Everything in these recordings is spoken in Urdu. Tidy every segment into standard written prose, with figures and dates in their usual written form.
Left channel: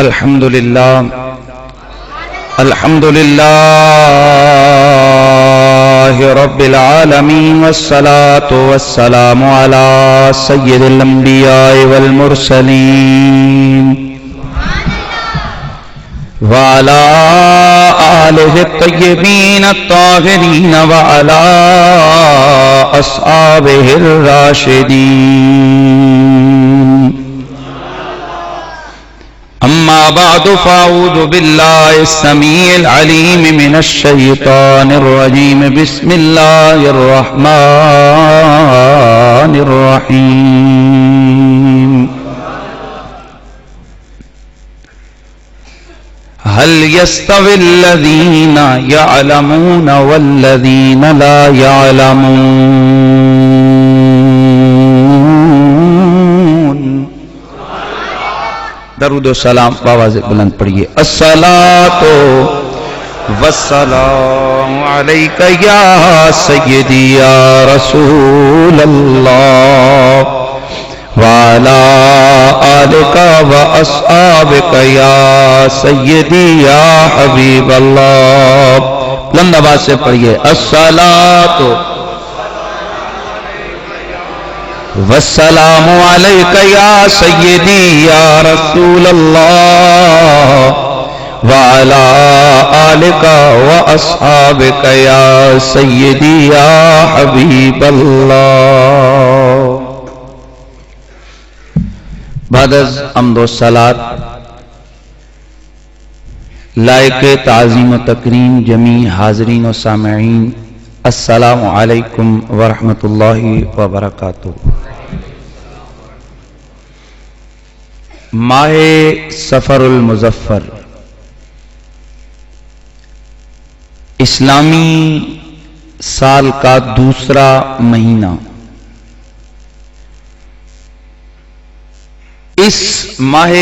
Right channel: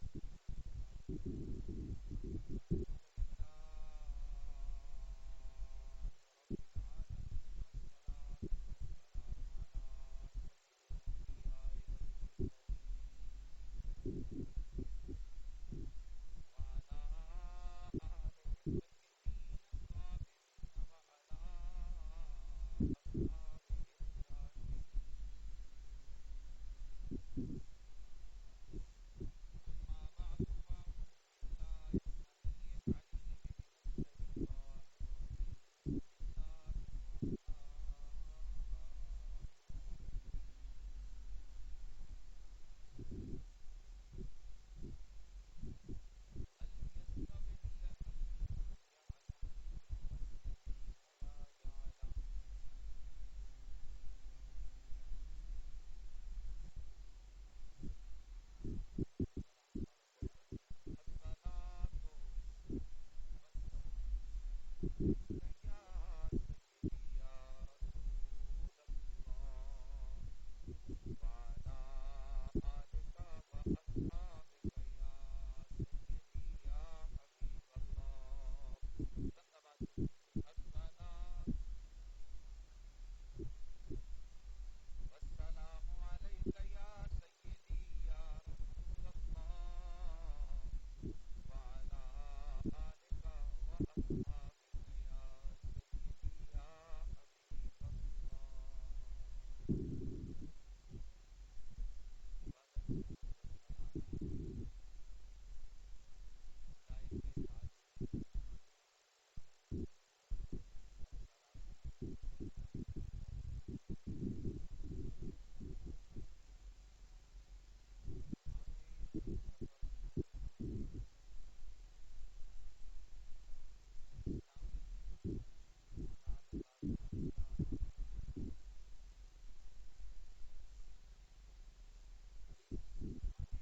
الحمد للہ رب العالمین والصلاة والسلام علی سید الانبیاء والمرسلین وعلى آلہ الطیبین الطاہرین وعلى اصحابہ الراشدین اما بعد فاعوذ باللہ السمیع العلیم من الشیطان الرجیم بسم اللہ الرحمن الرحیم هل يستوي الذين يعلمون والذين لا يعلمون؟ درود و سلام بآواز بلند پڑھیے. الصلاۃ والسلام علیک یا سیدی یا رسول اللہ وعلی آلک واصحابک یا سیدی یا حبیب اللہ. بلند آواز سے پڑھیے. الصلاۃ والسلام علیک یا سیدی یا رسول اللہ وعلی آلک واصحابک یا سیدی یا حبیب اللہ. بعد از حمد و صلات لائق تعظیم و تکریم جمیع حاضرین و سامعین، السلام علیکم ورحمۃ اللہ وبرکاتہ. ماہ سفر المظفر اسلامی سال کا دوسرا مہینہ، اس ماہ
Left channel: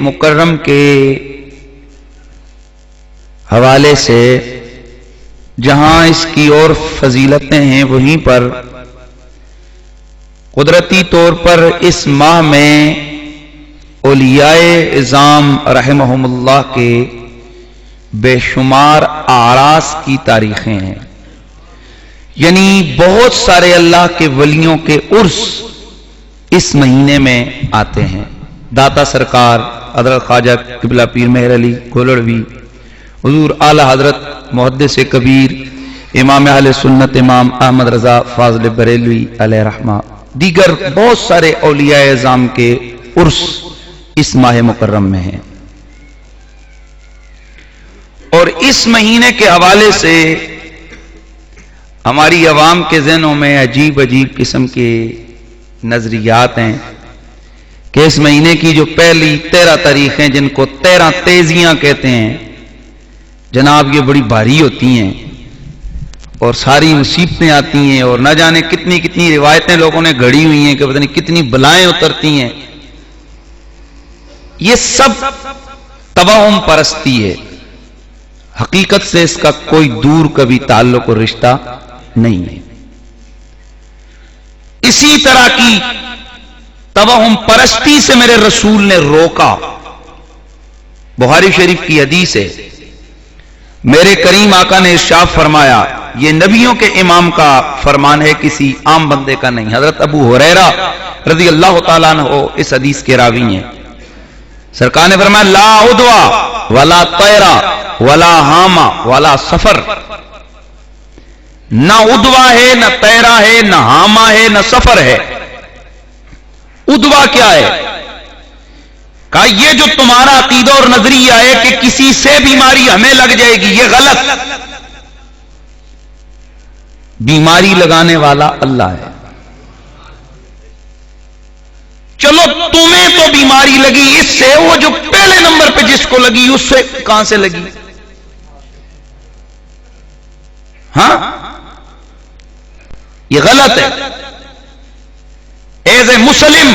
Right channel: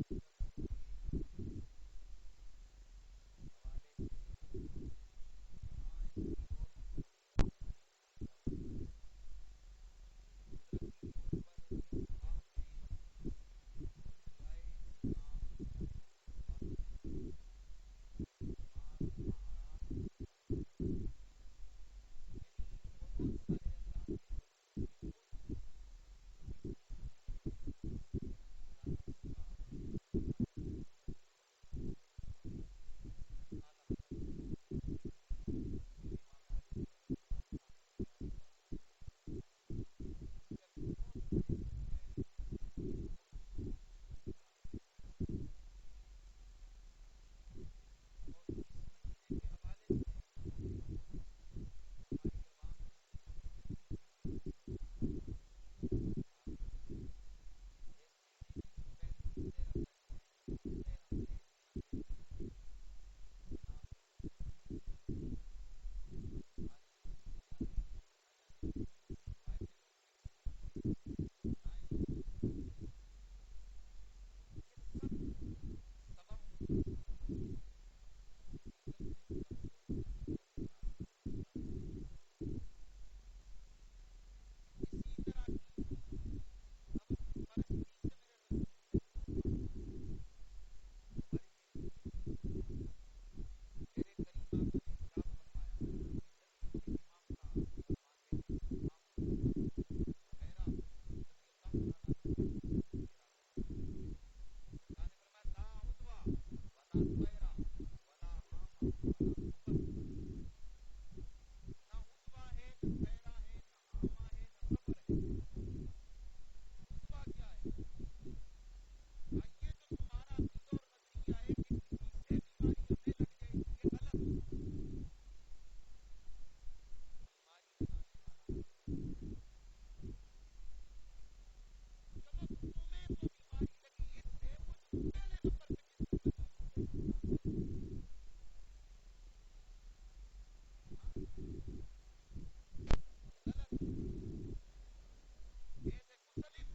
مکرم کے حوالے سے جہاں اس کی اور فضیلتیں ہیں، وہیں پر قدرتی طور پر اس ماہ میں اولیاء اعظام رحمہم اللہ کے بے شمار اعراس کی تاریخیں ہیں. یعنی بہت سارے اللہ کے ولیوں کے عرس اس مہینے میں آتے ہیں. داتا سرکار حضرت خواجہ قبلہ پیر مہر علی گولڑوی، حضور اعلی حضرت محدث کبیر امام اہل سنت امام احمد رضا فاضل بریلوی علیہ رحمہ، دیگر بہت سارے اولیاء اعظام کے عرس اس ماہ مکرم میں ہیں. اور اس مہینے کے حوالے سے ہماری عوام کے ذہنوں میں عجیب عجیب قسم کے نظریات ہیں کہ اس مہینے کی جو پہلی 13 تاریخیں جن کو 13 تیزیاں کہتے ہیں جناب، یہ بڑی بھاری ہوتی ہیں اور ساری مصیبتیں آتی ہیں، اور نہ جانے کتنی کتنی روایتیں لوگوں نے گھڑی ہوئی ہیں کہ پتہ نہیں کتنی بلائیں اترتی ہیں. یہ سب توہم پرستی ہے، حقیقت سے اس کا کوئی دور کبھی تعلق اور رشتہ نہیں ہے. اسی طرح کی توہم پرستی سے میرے رسول نے روکا. بخاری شریف کی حدیث ہے، میرے کریم آقا نے ارشاد فرمایا، یہ نبیوں کے امام کا فرمان ہے، کسی عام بندے کا نہیں. حضرت ابو ہریرہ رضی اللہ تعالیٰ عنہ اس حدیث کے راوی ہیں. سرکار نے فرمایا، لا عدوہ ولا طیرہ ولا حامہ ولا سفر. نہ عدوہ ہے، نہ طیرہ ہے، نہ حامہ ہے، نہ سفر ہے. عدوہ کیا ہے؟ کہا یہ جو تمہارا عقیدہ اور نظریہ ہے کہ کسی سے بیماری ہمیں لگ جائے گی، یہ غلط. بیماری لگانے والا اللہ ہے. چلو تمہیں تو بیماری لگی اس سے، وہ جو پہلے نمبر پہ جس کو لگی اس سے کہاں سے لگی؟ ہاں، یہ غلط ہے. ایز اے مسلم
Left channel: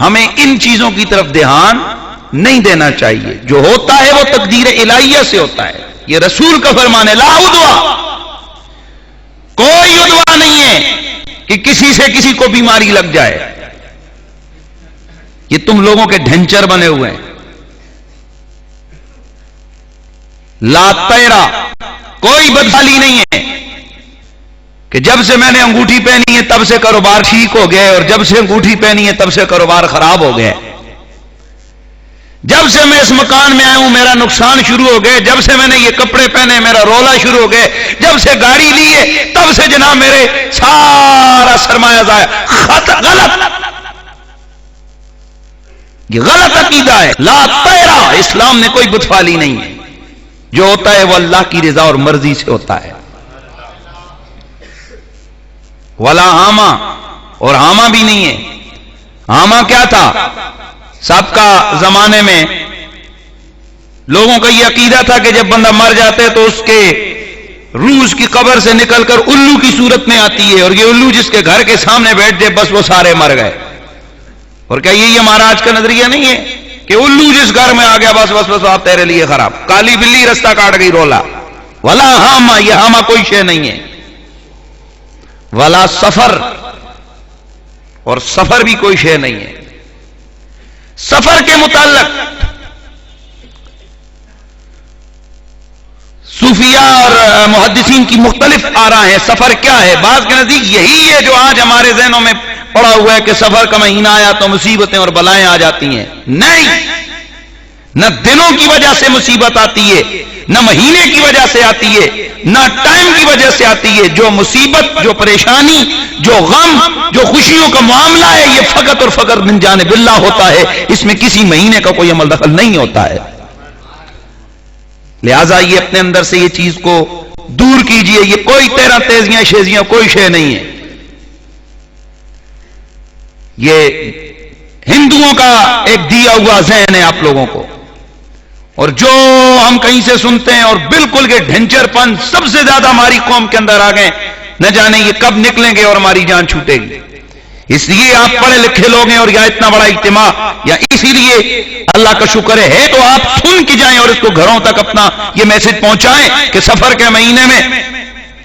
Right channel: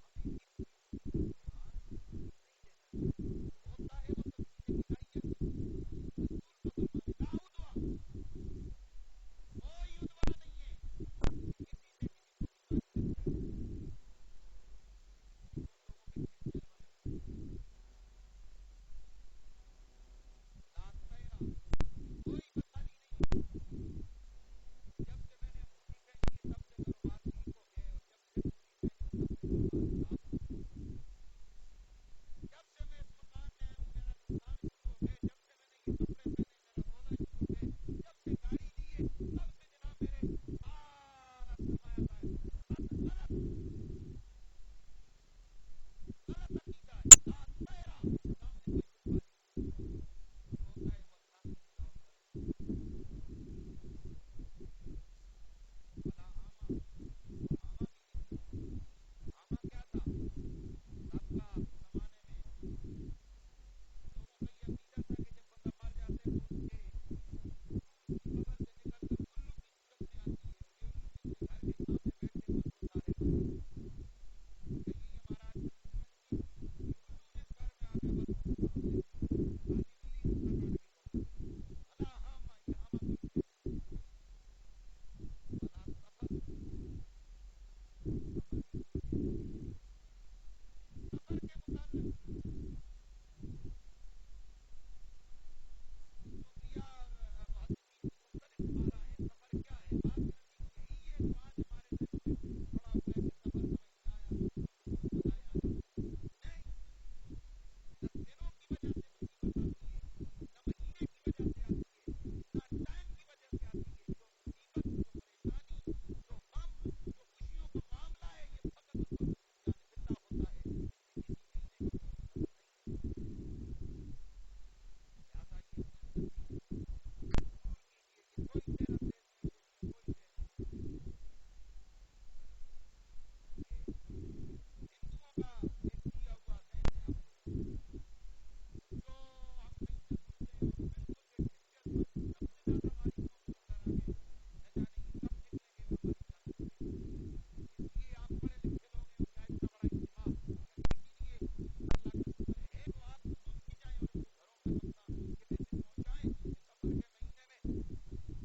ہمیں ان چیزوں کی طرف دھیان نہیں دینا چاہیے. جو ہوتا ہے وہ تقدیر الہیہ سے ہوتا ہے. یہ رسول کا فرمان ہے، لا عدوہ، کوئی عدوہ نہیں ہے کہ کسی سے کسی کو بیماری لگ جائے. یہ تم لوگوں کے ڈھنچر بنے ہوئے ہیں. لا تیرا، کوئی بدحالی نہیں ہے کہ جب سے میں نے انگوٹھی پہنی ہے تب سے کاروبار ٹھیک ہو گیا اور جب سے انگوٹھی پہنی ہے تب سے کاروبار خراب ہو گیا. جب سے میں اس مکان میں آیا ہوں میرا نقصان شروع ہو گئے. جب سے میں نے یہ کپڑے پہنے میرا رولا شروع ہو گئے. جب سے گاڑی لی ہے تب سے جناب میرے سارا سرمایہ ضائع. غلط، یہ غلط عقیدہ ہے. لا تیرا، اسلام نے کوئی بتفالی نہیں ہے. جو ہوتا ہے وہ اللہ کی رضا اور مرضی سے ہوتا ہے. ولا ہاما، اور ہاما بھی نہیں ہے. ہاما کیا تھا؟ سابقہ زمانے میں لوگوں کا یہ عقیدہ تھا کہ جب بندہ مر جاتا ہے تو اس کے روح اس کی قبر سے نکل کر الو کی صورت میں آتی ہے اور یہ الو جس کے گھر کے سامنے بیٹھ جائے بس وہ سارے مر گئے. اور کیا یہی ہمارا آج کا نظریہ نہیں ہے کہ الو جس گھر میں آ گیا بس بس بس آپ تیرے لیے خراب. کالی بلی رستہ کاٹ گئی رولا. ولا ہاما، یہ ہاما کوئی شے نہیں ہے. ولا سفر، اور سفر بھی کوئی شے نہیں ہے. سفر کے متعلق صوفیہ اور محدثین کی مختلف آراء ہیں. سفر کیا ہے؟ بعض کے نزدیک یہی ہے جو آج ہمارے ذہنوں میں پڑا ہوا ہے کہ سفر کا مہینہ آیا تو مصیبتیں اور بلائیں آ جاتی ہیں. نہیں، نہ دنوں کی وجہ سے مصیبت آتی ہے، نہ مہینے کی وجہ سے آتی ہے، نہ ٹائم کی وجہ سے آتی ہے. جو مصیبت، جو پریشانی، جو غم، جو خوشیوں کا معاملہ ہے یہ فقط اور فقط من جانب اللہ ہوتا ہے. اس میں کسی مہینے کا کوئی عمل دخل نہیں ہوتا ہے. لہذا یہ اپنے اندر سے یہ چیز کو دور کیجئے. یہ کوئی تیرا تیزیاں شیزیاں کوئی شے نہیں ہے. یہ ہندوؤں کا ایک دیا ہوا ذہن ہے آپ لوگوں کو. اور جو ہم کہیں سے سنتے ہیں اور بالکل یہ ڈھنچر پن سب سے زیادہ ہماری قوم کے اندر آ گئے. نہ جانے یہ کب نکلیں گے اور ہماری جان چھوٹے گی. اس لیے آپ پڑھے لکھے لوگ ہیں اور یا اتنا بڑا اجتماع یا اسی لیے اللہ کا شکر ہے تو آپ سن کے جائیں اور اس کو گھروں تک اپنا یہ میسج پہنچائیں کہ سفر کے مہینے میں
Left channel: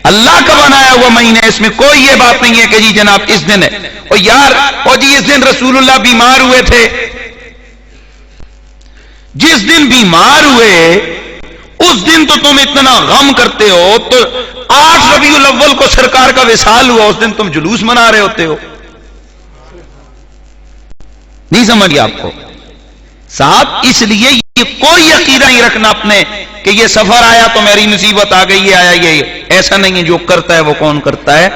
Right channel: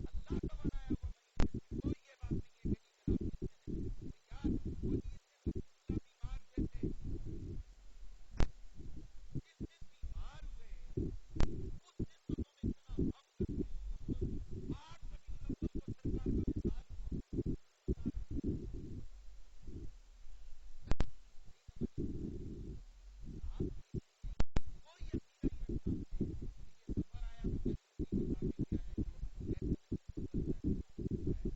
اللہ کا بنایا ہوا مہینے، اس میں کوئی یہ بات نہیں ہے کہ جی جناب اس دن ہے اور یار اور جی اس دن رسول اللہ بیمار ہوئے تھے. جس دن بیمار ہوئے اس دن تو تم اتنا غم کرتے ہو، تو 8 ربیع الاول کو سرکار کا وصال ہوا اس دن تم جلوس منا رہے ہوتے ہو. نہیں سمجھ گیا آپ کو صاحب. اس لیے یہ کوئی عقیدہ نہیں رکھنا اپنے کہ یہ سفر آیا تو میری مصیبت آ گئی ہے. آیا یہ ایسا نہیں ہے. جو کرتا ہے وہ کون کرتا ہے؟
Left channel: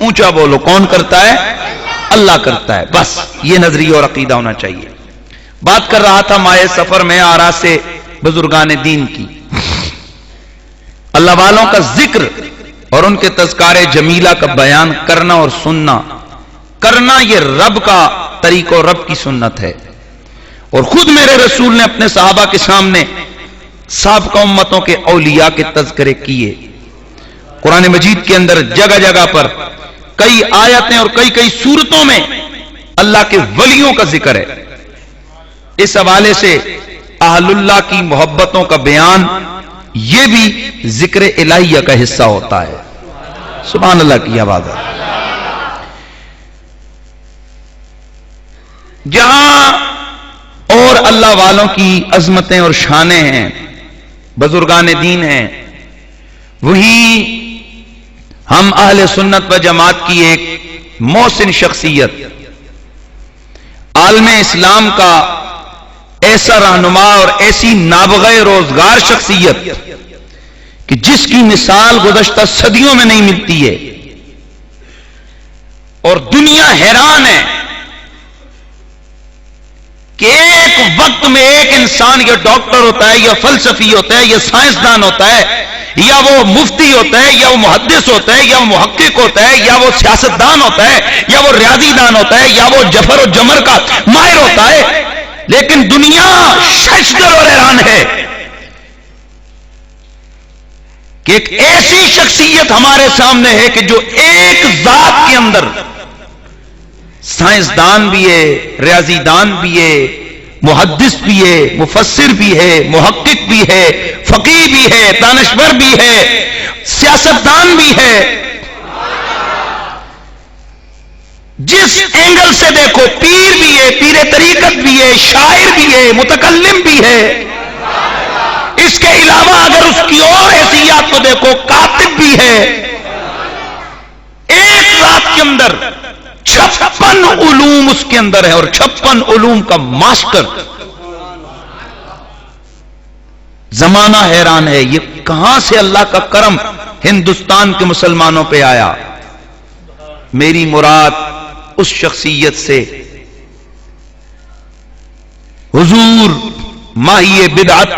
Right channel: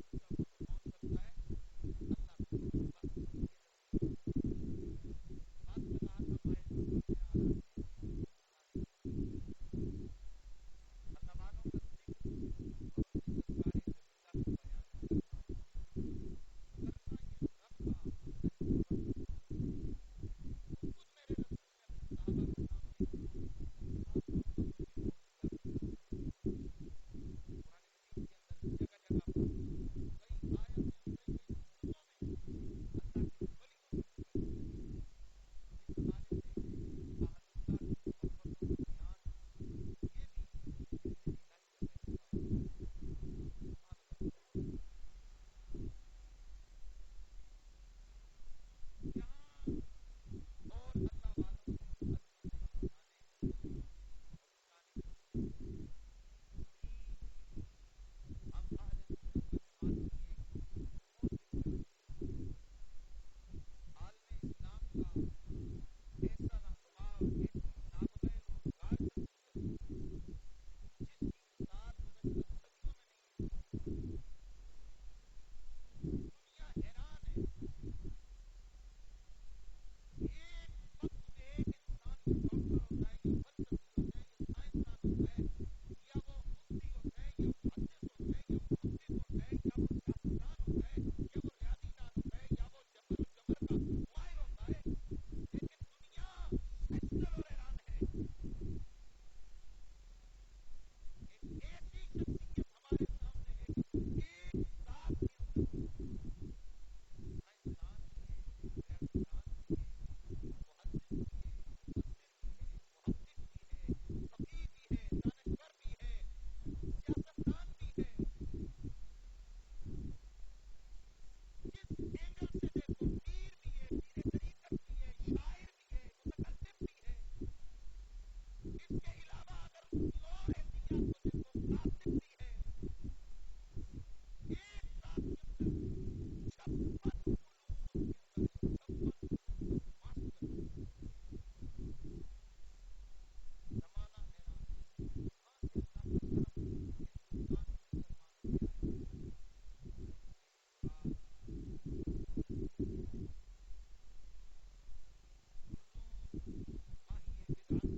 اونچا بولو، کون کرتا ہے؟ اللہ کرتا ہے. بس یہ نظریہ اور عقیدہ ہونا چاہیے. بات کر رہا تھا مائے سفر میں آراء سے بزرگان دین کی، اللہ والوں کا ذکر اور ان کے تذکار جمیلہ کا بیان کرنا اور سننا. کرنا یہ رب کا طریقہ اور رب کی سنت ہے. اور خود میرے رسول نے اپنے صحابہ کے سامنے سابقہ امتوں کے اولیاء کے تذکرے کیے. قرآن مجید کے اندر جگہ جگہ پر کئی آیتیں اور کئی سورتوں میں اللہ کے ولیوں کا ذکر ہے. اس حوالے سے اہل اللہ کی محبتوں کا بیان یہ بھی ذکر الہیہ کا حصہ ہوتا ہے. سبحان اللہ کی آواز ہے. جہاں اور اللہ والوں کی عظمتیں اور شانیں ہیں، بزرگان دین ہیں، وہی ہم اہل سنت و جماعت کی ایک محسن شخصیت، عالم اسلام کا ایسا رہنما اور ایسی نابغہ روزگار شخصیت کہ جس کی مثال گزشتہ صدیوں میں نہیں ملتی ہے. اور دنیا حیران ہے کہ ایک وقت میں ایک انسان یا ڈاکٹر ہوتا ہے یا فلسفی ہوتا ہے یا سائنسدان ہوتا ہے یا وہ مفتی ہوتا ہے یا وہ محدث ہوتا ہے یا وہ محقق ہوتا ہے یا وہ سیاستدان ہوتا ہے یا وہ ریاضی دان ہوتا ہے یا وہ جفر و جمر کا ماہر ہوتا ہے. لیکن دنیا ششدر اور حیران ہے کہ ایک ایسی شخصیت ہمارے سامنے ہے کہ جو ایک ذات کے اندر سائنسدان بھی ہے، ریاضی دان بھی ہے، محدث بھی ہے، مفسر بھی ہے، محقق بھی ہے، فقیہ بھی ہے، دانشور بھی ہے، سیاستدان بھی ہے. جس اینگل سے دیکھو، پیر بھی ہے، پیر طریقت بھی ہے، شاعر بھی ہے، متکلم بھی ہے، اس کے علاوہ اگر اس کی اور حیثیات کو دیکھو کاتب بھی ہے. ایک رات کے اندر 56 علوم اس کے اندر ہے اور 56 علوم کا ماسٹر. زمانہ حیران ہے یہ کہاں سے اللہ کا کرم ہندوستان کے مسلمانوں پہ آیا. میری مراد اس شخصیت سے حضور ماہی بدعت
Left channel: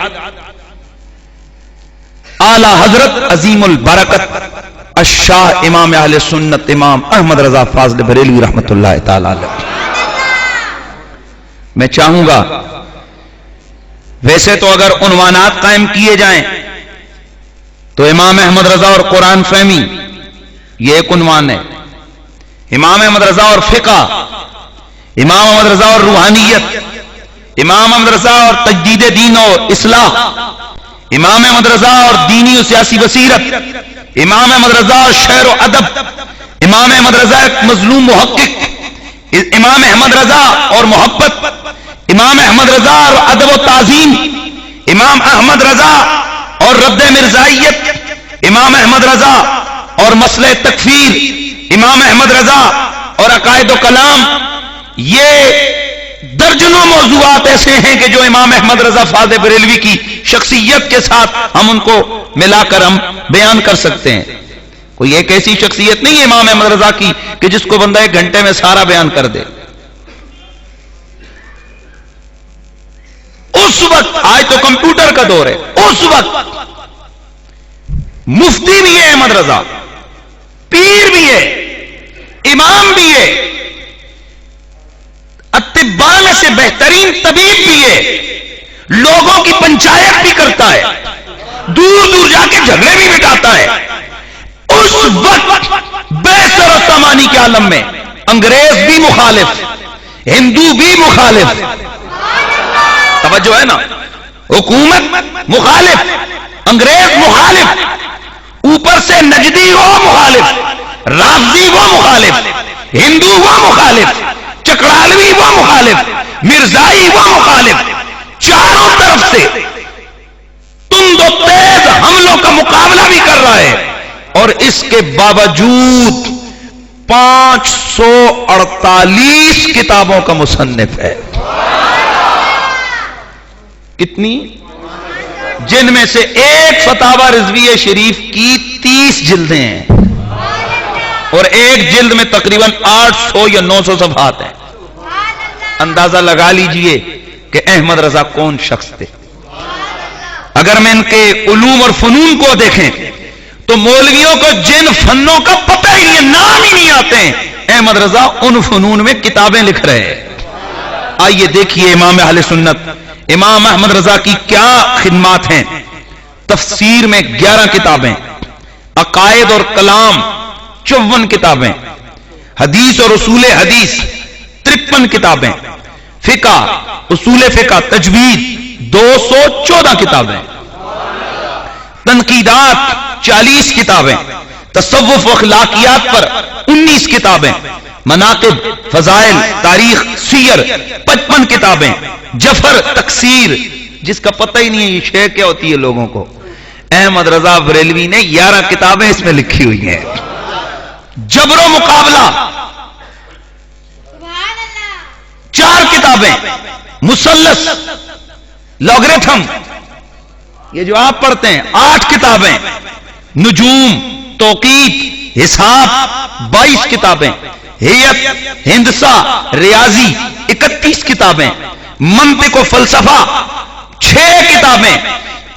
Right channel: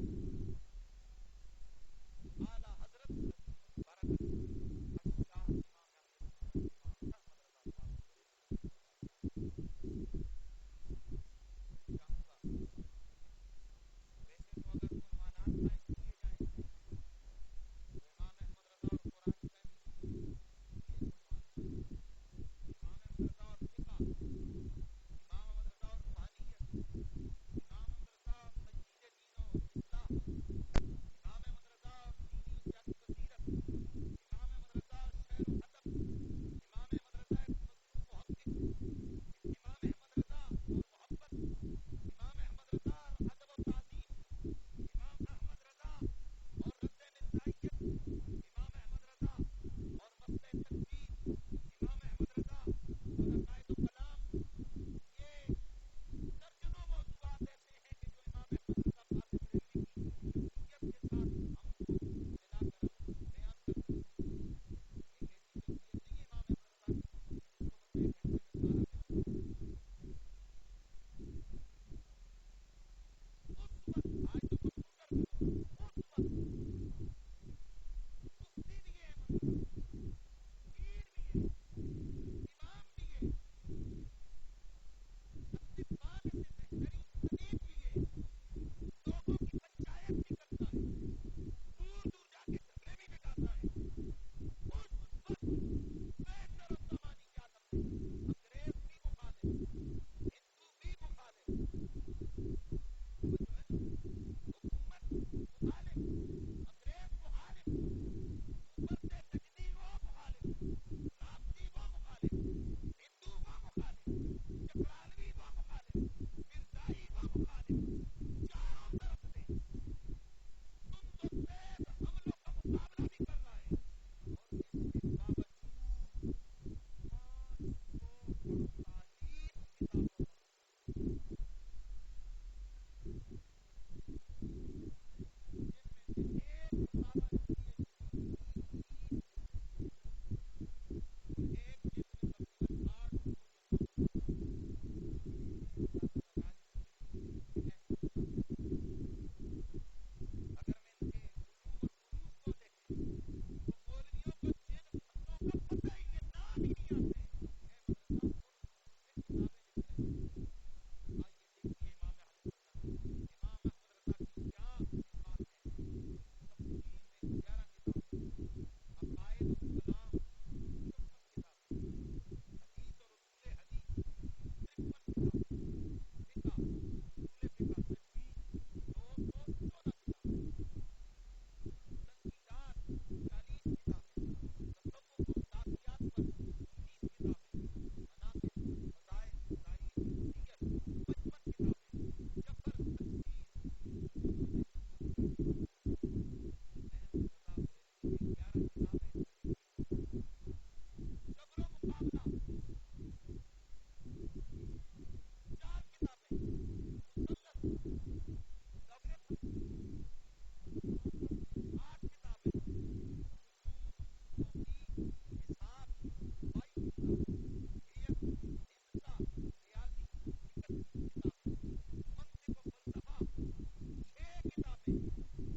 اعلی حضرت عظیم البرکت الشاہ امام اہل سنت امام احمد رضا فاضل بریلوی رحمت اللہ تعالی علیہ. میں چاہوں گا ویسے تو اگر عنوانات قائم کیے جائیں تو امام احمد رضا اور قرآن فہمی یہ ایک عنوان ہے، امام احمد رضا اور فقہ، امام احمد رضا اور روحانیت، امام احمد رضا اور تجدید دین و اصلاح، امام احمد رضا اور دینی و سیاسی بصیرت، امام احمد رضا اور شعر و ادب، امام احمد رضا ایک مظلوم محقق، امام احمد رضا اور محبت، امام احمد رضا اور ادب و تعظیم، امام احمد رضا اور رد مرزائیت، امام احمد رضا اور مسئلہ تکفیر، امام احمد رضا اور عقائد و کلام. یہ درجنوں موضوعات ایسے ہیں کہ جو امام احمد رضا فاضل بریلوی کی شخصیت کے ساتھ ہم ان کو ملا کر ہم بیان کر سکتے ہیں. کوئی ایک ایسی شخصیت نہیں ہے امام احمد رضا کی کہ جس کو بندہ 1 گھنٹے میں سارا بیان کر دے. اس وقت، آج تو کمپیوٹر کا دور ہے، اس وقت مفتی بھی ہے احمد رضا، پیر بھی ہے، امام بھی ہے، اطباء میں سے بہترین طبیب بھی ہے، لوگوں کی پنچایت بھی کرتا ہے، دور دور جا کے جھگڑے بھی مٹاتا ہے. اس وقت بے-سر و سامانی کے عالم میں انگریز بھی مخالف، ہندو بھی مخالف، توجہ ہے نا، حکومت مخالف، انگریز مخالف، اوپر سے نجدی وہ مخالف، رافضی وہ مخالف، ہندو وہ مخالف، چکرالوی وہ مخالف، مرزائی وہ مخالف، چاروں طرف سے تند و تیز حملوں کا مقابلہ بھی کر رہا ہے. اور اس کے باوجود 548 کتابوں کا مصنف ہے. کتنی؟ جن میں سے ایک فتاوی رضویہ شریف کی 30 جلدیں ہیں اور ایک جلد میں تقریباً 800 یا 900 صفحات ہیں. اندازہ لگا لیجئے کہ احمد رضا کون شخص تھے. اگر میں ان کے علوم اور فنون کو دیکھیں تو مولویوں کو جن فنوں کا پتہ ہی نہیں، نام ہی نہیں آتے ہیں، احمد رضا ان فنون میں کتابیں لکھ رہے ہیں. آئیے دیکھیے امام اہل سنت امام احمد رضا کی کیا خدمات ہیں. تفسیر میں 11 کتابیں، عقائد اور کلام 54 کتابیں، حدیث اور اصول حدیث 53 کتابیں، فقہ، اصول فقہ، تجوید 214 کتابیں، تنقیدات 40 کتابیں، تصوف و اخلاقیات پر 19 کتابیں، مناقب، فضائل، تاریخ، سیر 55 کتابیں، جفر، تکسیر، جس کا پتہ ہی نہیں ہے یہ شے کیا ہوتی ہے لوگوں کو. احمد رضا بریلوی نے 11 کتابیں اس میں لکھی ہوئی ہیں. جبر و مقابلہ 4 کتابیں، مثلث، لاگرتھم، یہ جو آپ پڑھتے ہیں 8 کتابیں، نجوم، توقیت، حساب 22 کتابیں، ہیئت، ہندسہ، ریاضی 31 کتابیں، منطق و فلسفہ 6 کتابیں.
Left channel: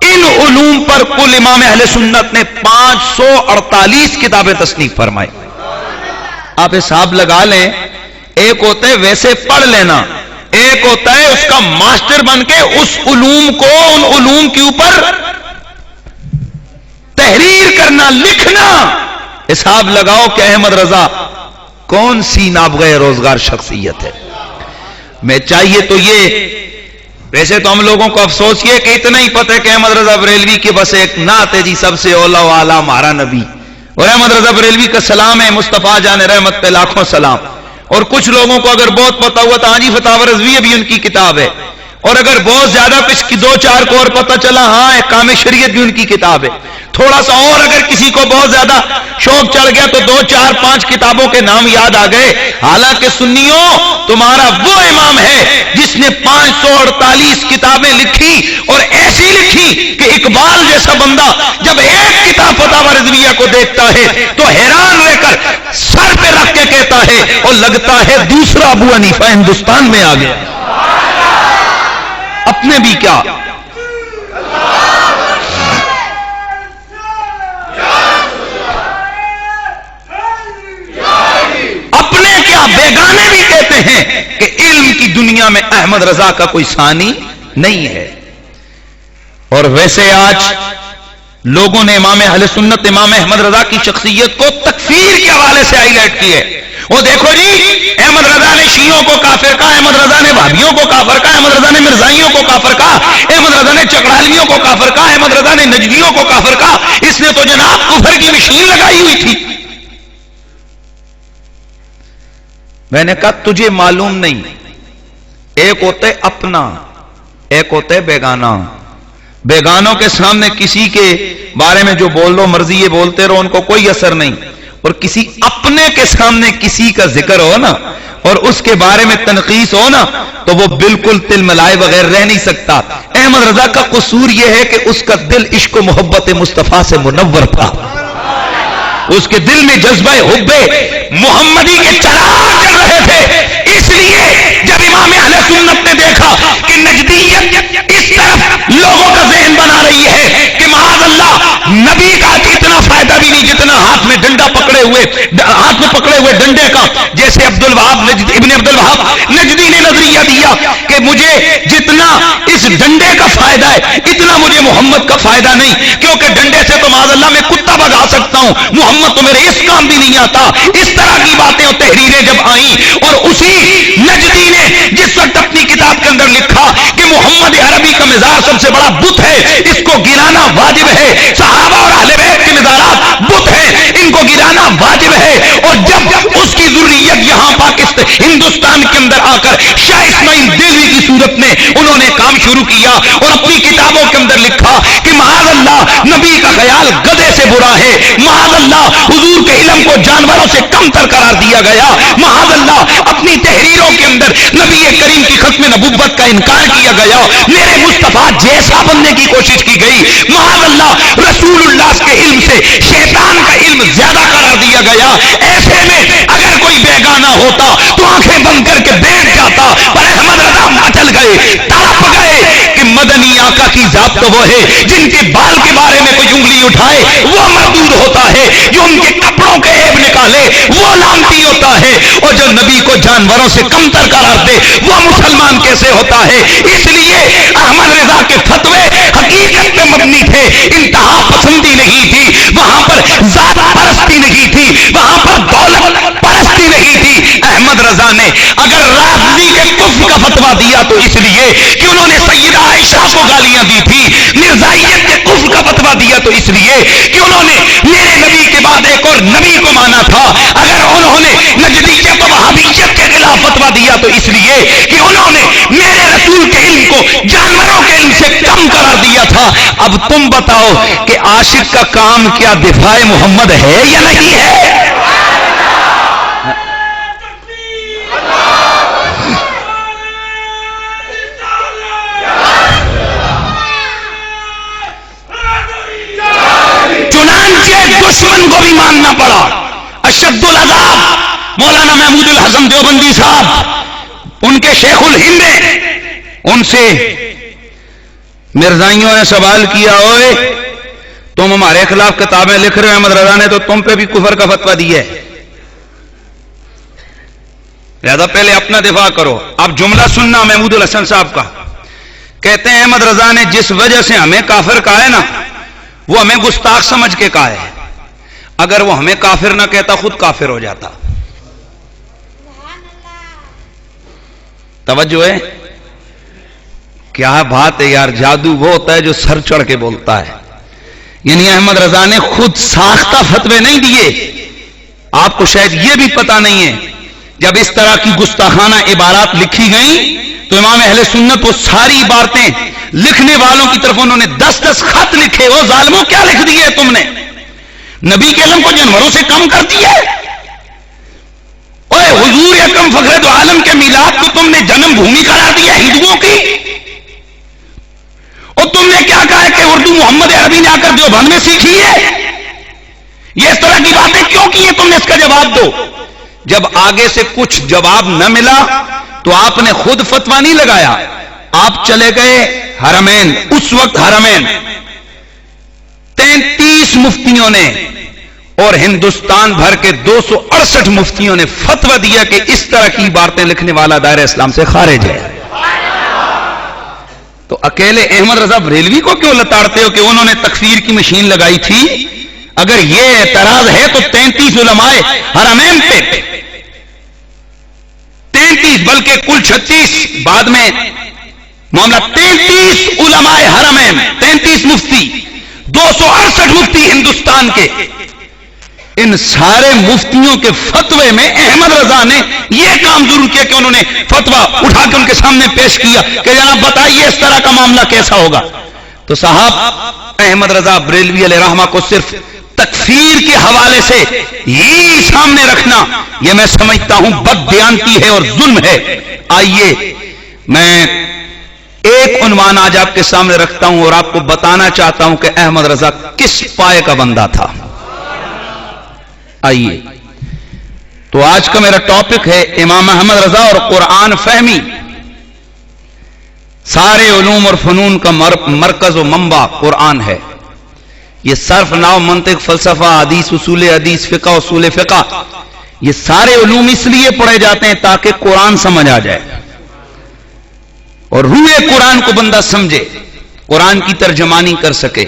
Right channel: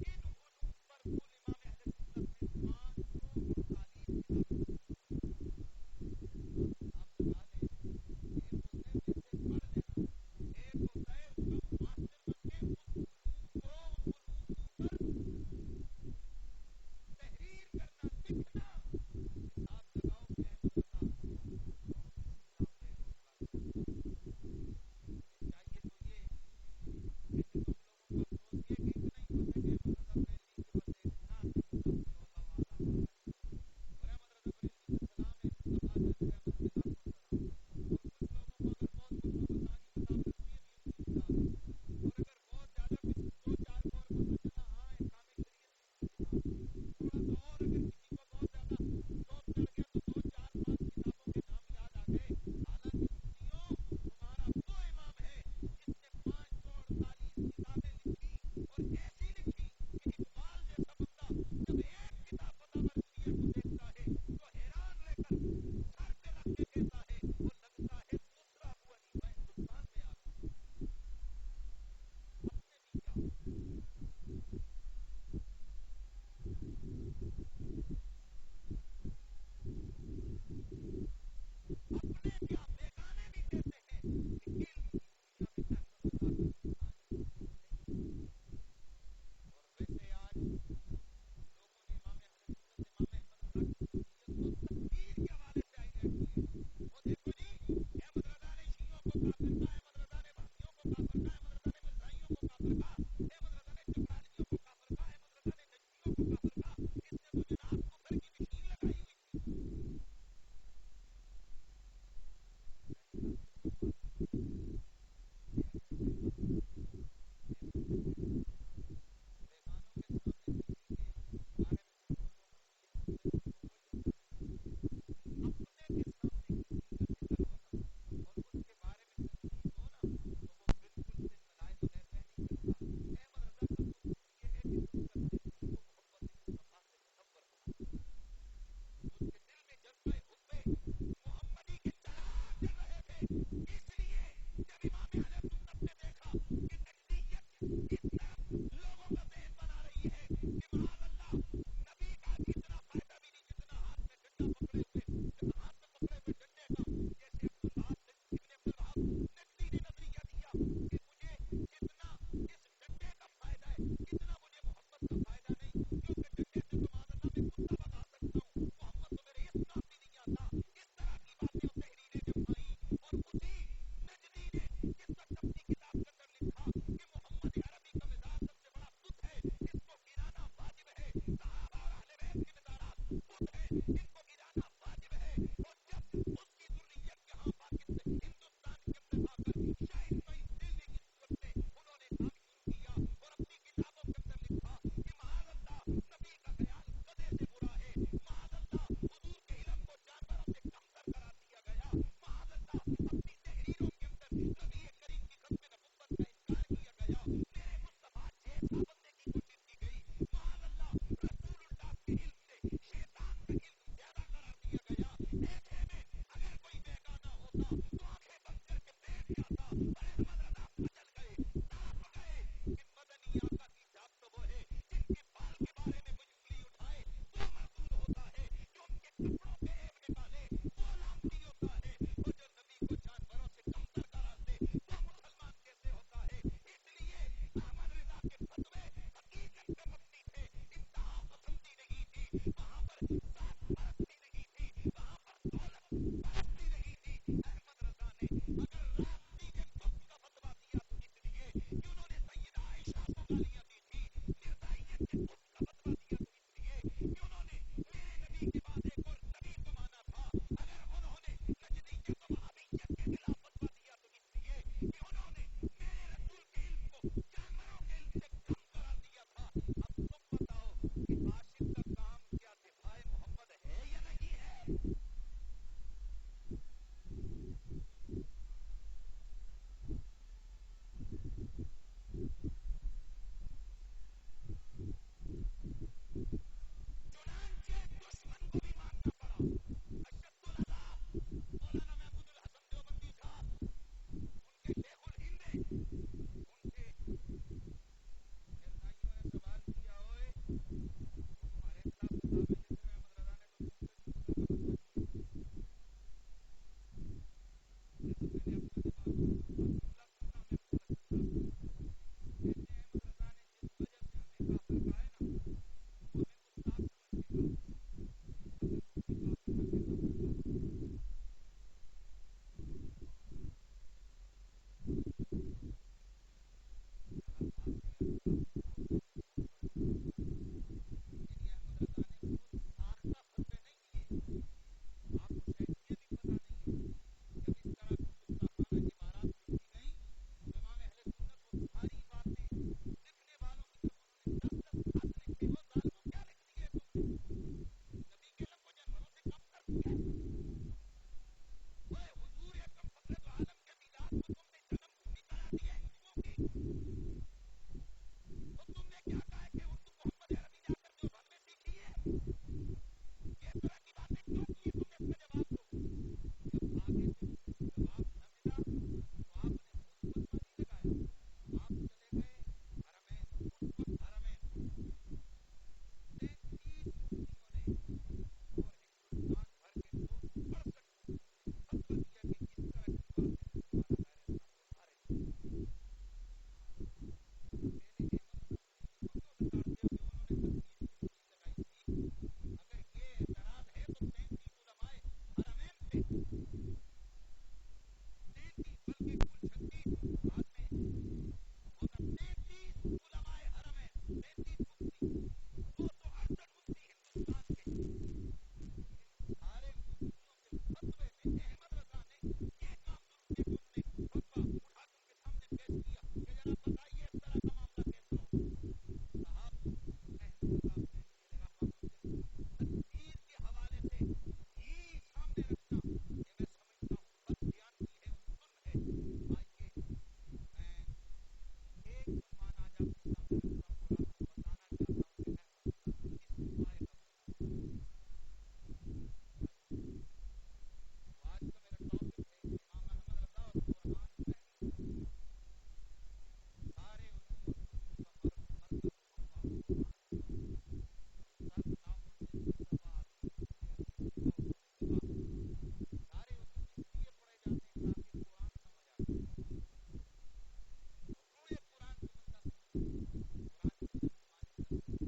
ان علوم پر کل امام اہل سنت نے 548 کتابیں تصنیف فرمائی. آپ حساب لگا لیں، ایک ہوتا ہے ویسے پڑھ لینا، ایک ہوتا ہے اس کا ماسٹر بن کے اس علوم کو ان علوم کے اوپر تحریر کرنا، لکھنا. حساب لگاؤ کہ احمد رضا کون سی نابغہ روزگار شخصیت ہے. میں چاہیے تو یہ، ویسے تو ہم لوگوں کو افسوس یہ کہ اتنا ہی پتہ ہے کہ احمد رضا بریلوی کے بس ایک نعت ہے جی، سب سے اولا و اعلیٰ ہمارا نبی، اور احمد رضا بریلوی کا سلام ہے مصطفیٰ جان رحمت پہ لاکھوں سلام. اور کچھ لوگوں کو اگر بہت پتا ہوا تو ہاں جی فتاوی رضویہ بھی ان کی کتاب ہے، اور اگر بہت زیادہ کچھ کی 2-4 کو اور پتا چلا ہاں احکام شریعت بھی ان کی کتاب ہے، تھوڑا سا اور اگر کسی کو بہت زیادہ شوق چڑھ گیا تو 2-4-5 کتابوں کے نام یاد آ گئے۔ حالانکہ سنیوں تمہارا وہ امام ہے جس نے 548 کتابیں لکھی، اور ایسی لکھی کہ اقبال جیسا بندہ جب ایک کتاب فتاوی رضویہ کو دیکھتا ہے تو حیران رہ کر سر پہ رکھ کے کہتا ہے اور لگتا ہے دوسرا ابو حنیفہ ہندوستان میں آ گیا۔ اپنے بھی کیا، اپنے کیا بیگانے بھی کہتے ہیں کہ علم کی دنیا میں احمد رضا کا کوئی ثانی نہیں ہے۔ اور ویسے آج لوگوں نے امام اہل سنت امام احمد رضا کی شخصیت کو تکفیر کے حوالے سے ہائی لائٹ کی ہے۔ وہ دیکھو جی احمد رضا نے شیعوں کو کافر کہا، احمد رضا نے بھابیوں کو کافر کہا، احمد رضا نے مرزائیوں کو کافر کہا، احمد رضا نے چکڑالیوں کو کافر کہا، احمد رضا نے نجدیوں کو کافر کہا۔ اس نے تو جناب کفر کی مشین لگائی ہوئی تھی۔ میں نے کہا تجھے معلوم نہیں، ایک ہوتا ہے اپنا، ایک ہوتا ہے بیگانہ۔ بیگانوں کے سامنے کسی کے بارے میں جو بول دو مرضی یہ بولتے رہو، ان کو کوئی اثر نہیں، اور کسی اپنے کے سامنے کسی کا ذکر ہو نا اور اس کے بارے میں تنقیص ہو نا تو وہ بالکل تل ملائے بغیر رہ نہیں سکتا۔ احمد رضا کا قصور یہ ہے کہ اس کا دل عشق و محبت مصطفیٰ سے منور تھا، اس کے دل میں جذبہ حب محمدی کے چراغ جل رہے تھے۔ اس لیے جب امام اہل سنت نے دیکھا کہ نجدیت اس طرف لوگوں کا ذہن بنا رہی ہے کہ معاذ اللہ نبی کا اتنا فائدہ بھی نہیں جتنا ہاتھ میں ڈنڈا پکڑے ہوئے ڈنڈے کا، جیسے ابن عبد الوہاب نجدی نے نظریہ دیا کہ مجھے جتنا اس ڈنڈے کا فائدہ ہے اتنا مجھے محمد کا فائدہ نہیں، کیونکہ ڈنڈے سے تو معاذ اللہ میں کتا بھگا سکتا ہوں، محمد تو میرے اس کام بھی نہیں آتا۔ اس طرح کی باتیں اور تحریریں جب آئیں، اور اسی نجدی نے جس وقت اپنی کتاب کے اندر لکھا کہ محمد عربی کا مزار سب سے بڑا بت ہے، اس کو گرانا واجب ہے، صحابہ اور اہل بیت کے مزارات بت ہیں، ان کو گرانا واجب ہے، اور جب اس کی ذریت یہاں پاکستان ہندوستان کے اندر آ کر شاہ اسماعیل دیلوی کی صورت میں انہوں نے کام شروع کیا اور اپنی کتابوں کے اندر لکھا کہ معاذ اللہ نبی کا خیال گدھے سے برا ہے، معاذ اللہ حضور کے علم کو جانوروں سے کم تر قرار دیا گیا، معاذ اللہ اپنی تحریروں کے اندر نبی کریم کی ختم نبوت کا انکار کیا گیا، میرے مصطفیٰ جیسا بننے کی کوشش کی گئی، معاذ اللہ رسول اللہ کے علم سے شیطان کا علم زیادہ قرار دیا گیا۔ ایسے میں اگر کوئی بیگانہ ہوتا تو آنکھیں بند کر کے بیٹھ جاتا، پر احمد رضا مچل گئے، تڑپ گئے کہ مدنی آقا کی ذات تو وہ ہے جن کے بال کے بارے میں کوئی انگلی اٹھائے وہ مردود ہوتا ہے، جو ان کے کپڑوں کے عیب نکالے وہ لعنتی ہوتا ہے، اور جو نبی کو جانوروں سے کمتر قرار دے وہ مسلمان کیسے ہوتا ہے۔ اس لیے احمد رضا کے فتوے حقیقت پہ مبنی تھے، انتہا پسندی نہیں تھی، وہاں پر ذات پرستی نہیں تھی، وہاں پر دولت پرستی نہیں تھی۔ احمد رضا نے اگر رافضی کے کفر کا فتویٰ دیا تو اس لیے کہ انہوں نے سیدہ عائشہ کو گالیاں دی تھی، مرزائیت کے کفر کا فتویٰ دیا تو اس لیے کہ انہوں نے میرے نبی کے بعد ایک اور نبی کو مانا تھا، اگر انہوں نے نجدیت و وہابیت کے خلاف فتویٰ دیا تو اس لیے کہ انہوں نے میرے رسول کے علم کو جانوروں کے علم سے کم قرار دیا تھا۔ اب تم بتاؤ کہ عاشق کا کام کیا دفاع محمد ہے یا نہیں ہے؟ دشمن کو بھی ماننا پڑا۔ اشد العذاب مولانا محمود الحسن دیوبندی صاحب ان کے شیخ الہند ہیں، ان سے مرزائیوں نے سوال کیا، اوئے تم ہمارے خلاف کتابیں لکھ رہے ہو، احمد رضا نے تو تم پہ بھی کفر کا فتویٰ دیا ہے، لہذا پہلے اپنا دفاع کرو۔ اب جملہ سننا محمود الحسن صاحب کا، کہتے ہیں احمد رضا نے جس وجہ سے ہمیں کافر کہا ہے نا وہ ہمیں گستاخ سمجھ کے کہا ہے، اگر وہ ہمیں کافر نہ کہتا خود کافر ہو جاتا۔ توجہ ہے، کیا بات ہے یار، جادو وہ ہوتا ہے جو سر چڑھ کے بولتا ہے۔ یعنی احمد رضا نے خود ساختہ فتوے نہیں دیے، آپ کو شاید یہ بھی پتا نہیں ہے جب اس طرح کی گستاخانہ عبارات لکھی گئیں تو امام اہل سنت وہ ساری عبارتیں لکھنے والوں کی طرف انہوں نے 10 خط لکھے. وہ ظالموں کیا لکھ دیے تم نے؟ نبی کے علم کو جانوروں سے کم کر دیا. اوے حضور اکرم فخر دو عالم کے میلاد کو تم نے جنم بھومی قرار دیا ہندوؤں کی. اور تم نے کیا کہا ہے کہ اردو محمد عربی نے آ کر دیوبند میں سیکھی ہے. یہ اس طرح کی باتیں کیوں کی ہیں؟ تم نے اس کا جواب دو. جب آگے سے کچھ جواب نہ ملا تو آپ نے خود فتویٰ نہیں لگایا, آپ چلے گئے حرمین. اس وقت حرمین 33 مفتیوں نے اور ہندوستان بھر کے 268 مفتیوں نے فتویٰ دیا کہ اس طرح کی باتیں لکھنے والا دائرہ اسلام سے خارج ہے. تو اکیلے احمد رضا بریلوی کو کیوں لتاڑتے ہو کہ انہوں نے تکفیر کی مشین لگائی تھی؟ اگر یہ اعتراض ہے تو 33 علماء حرمین پہ, 33 بلکہ کل 36 بعد میں معاملہ, 33 علماء حرمین, 33 مفتی, 268 مفتی ہندوستان کے, ان سارے مفتیوں کے فتوے میں احمد رضا نے یہ کام ضرور کیا کہ انہوں نے فتویٰ اٹھا کے ان کے سامنے پیش کیا کہ جناب بتائیے اس طرح کا معاملہ کیسا ہوگا. تو صاحب احمد رضا بریلوی علیہ رحمہ کو صرف تکفیر کے حوالے سے ہی سامنے رکھنا یہ میں سمجھتا ہوں بددیانتی ہے اور ظلم ہے. آئیے میں ایک عنوان آج آپ کے سامنے رکھتا ہوں اور آپ کو بتانا چاہتا ہوں کہ احمد رضا کس پائے کا بندہ تھا. آئیے تو آج کا میرا ٹاپک ہے امام احمد رضا اور قرآن فہمی. سارے علوم اور فنون کا مرکز و منبع قرآن ہے. یہ صرف نحو منطق فلسفہ حدیث اصول حدیث فقہ اصول فقہ یہ سارے علوم اس لیے پڑھے جاتے ہیں تاکہ قرآن سمجھ آ جائے اور روح قرآن کو بندہ سمجھے, قرآن کی ترجمانی کر سکے.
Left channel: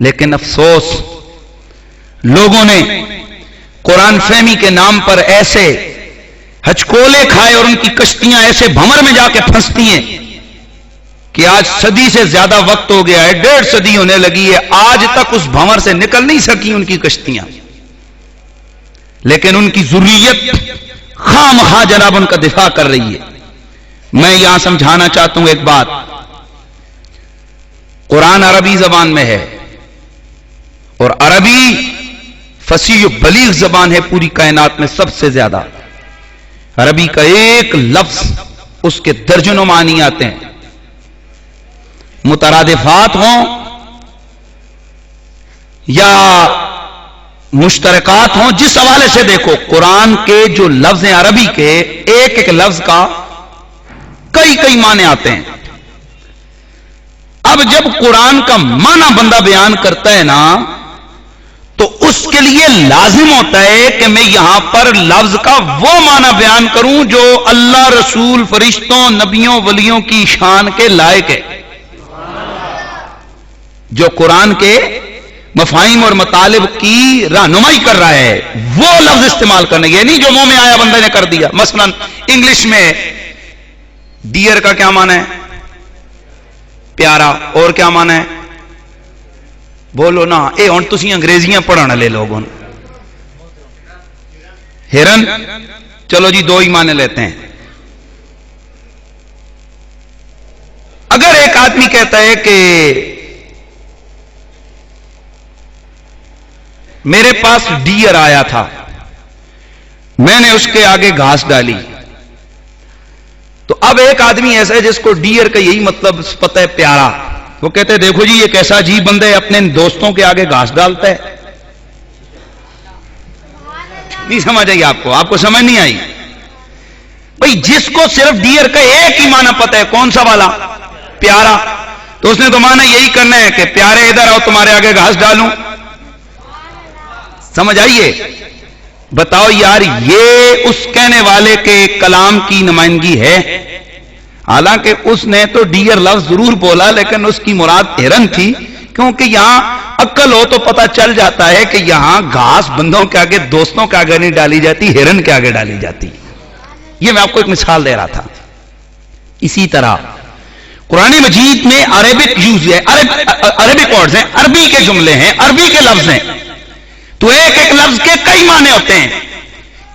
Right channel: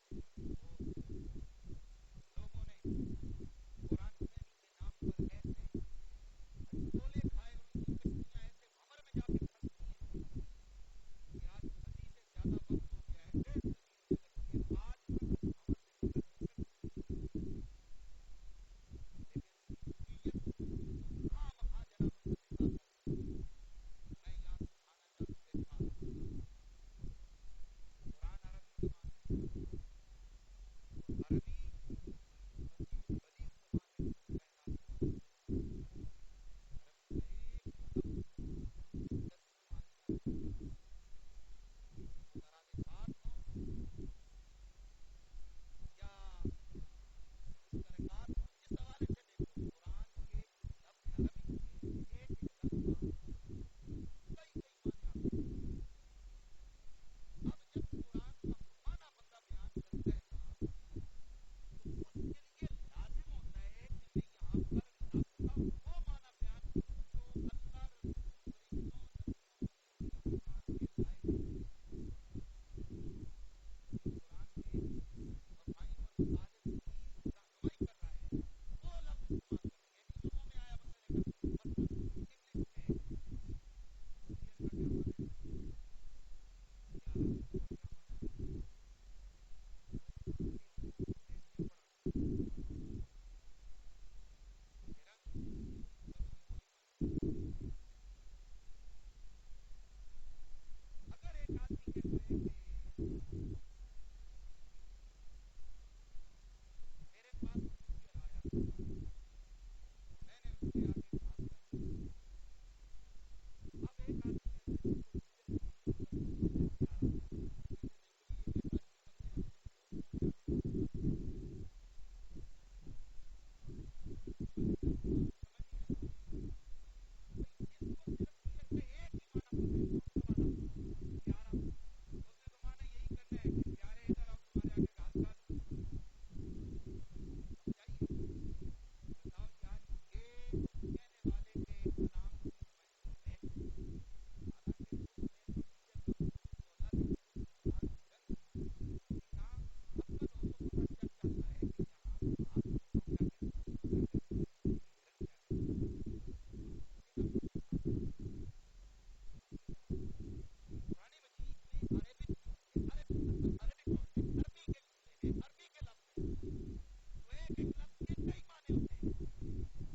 لیکن افسوس لوگوں نے قرآن فہمی کے نام پر ایسے ہچکولے کھائے اور ان کی کشتیاں ایسے بھمر میں جا کے پھنستی ہیں کہ آج صدی سے زیادہ وقت ہو گیا ہے, 1.5 صدی ہونے لگی ہے, آج تک اس بھمر سے نکل نہیں سکی ان کی کشتیاں. لیکن ان کی ذریت خام خواہ جناب ان کا دفاع کر رہی ہے. میں یہاں سمجھانا چاہتا ہوں ایک بات, قرآن عربی زبان میں ہے اور عربی فصیح و بلیغ زبان ہے پوری کائنات میں سب سے زیادہ. عربی کا ایک لفظ اس کے درجنوں معنی آتے ہیں, مترادفات ہوں یا مشترکات ہوں, جس حوالے سے دیکھو قرآن کے جو لفظ ہیں عربی کے ایک ایک لفظ کا کئی معنی آتے ہیں. اب جب قرآن کا معنی بندہ بیان کرتا ہے نا تو اس کے لیے لازم ہوتا ہے کہ میں یہاں پر لفظ کا وہ معنی بیان کروں جو اللہ, رسول, فرشتوں, نبیوں, ولیوں کی شان کے لائق ہے, جو قرآن کے مفاہیم اور مطالب کی رہنمائی کر رہا ہے وہ لفظ استعمال کرنا. یہ نہیں جو منہ میں آیا بندے نے کر دیا. مثلا انگلش میں ڈیئر کا کیا معنی ہے؟ پیارا. اور کیا معنی ہے؟ بولو نا, اے ہن تسی انگریزیاں پڑھن والے لوگ ہن. ہرن, چلو جی 2 ہی معنی لیتے ہیں. اگر ایک آدمی کہتا ہے کہ میرے پاس ڈیئر آیا تھا, میں نے اس کے آگے گھاس ڈالی, تو اب ایک آدمی ایسا ہے جس کو ڈیئر کا یہی مطلب پتہ ہے پیارا, وہ کہتے ہیں دیکھو جی یہ کیسا عجیب بندہ ہے اپنے دوستوں کے آگے گھاس ڈالتا ہے. نہیں سمجھ آئی آپ کو سمجھ نہیں آئی بھئی. جس کو صرف ڈیئر کا ایک ہی معنی پتہ ہے, کون سا والا؟ پیارا, تو اس نے تو معنی یہی کرنا ہے کہ پیارے ادھر آؤ تمہارے آگے گھاس ڈالوں. سمجھ آئیے؟ بتاؤ یار یہ اس کہنے والے کے کلام کی نمائندگی ہے؟ حالانکہ اس نے تو ڈیئر لفظ ضرور بولا لیکن اس کی مراد ہرن تھی, کیونکہ یہاں عقل ہو تو پتہ چل جاتا ہے کہ یہاں گھاس بندوں کے آگے, دوستوں کے آگے نہیں ڈالی جاتی, ہرن کے آگے ڈالی جاتی. یہ میں آپ کو ایک مثال دے رہا تھا. اسی طرح قرآن مجید میں عربک یوز ہے, عربک ورڈز ہیں, عربی کے جملے ہیں, عربی کے لفظ ہیں, تو ایک ایک لفظ کے کئی معنی ہوتے ہیں.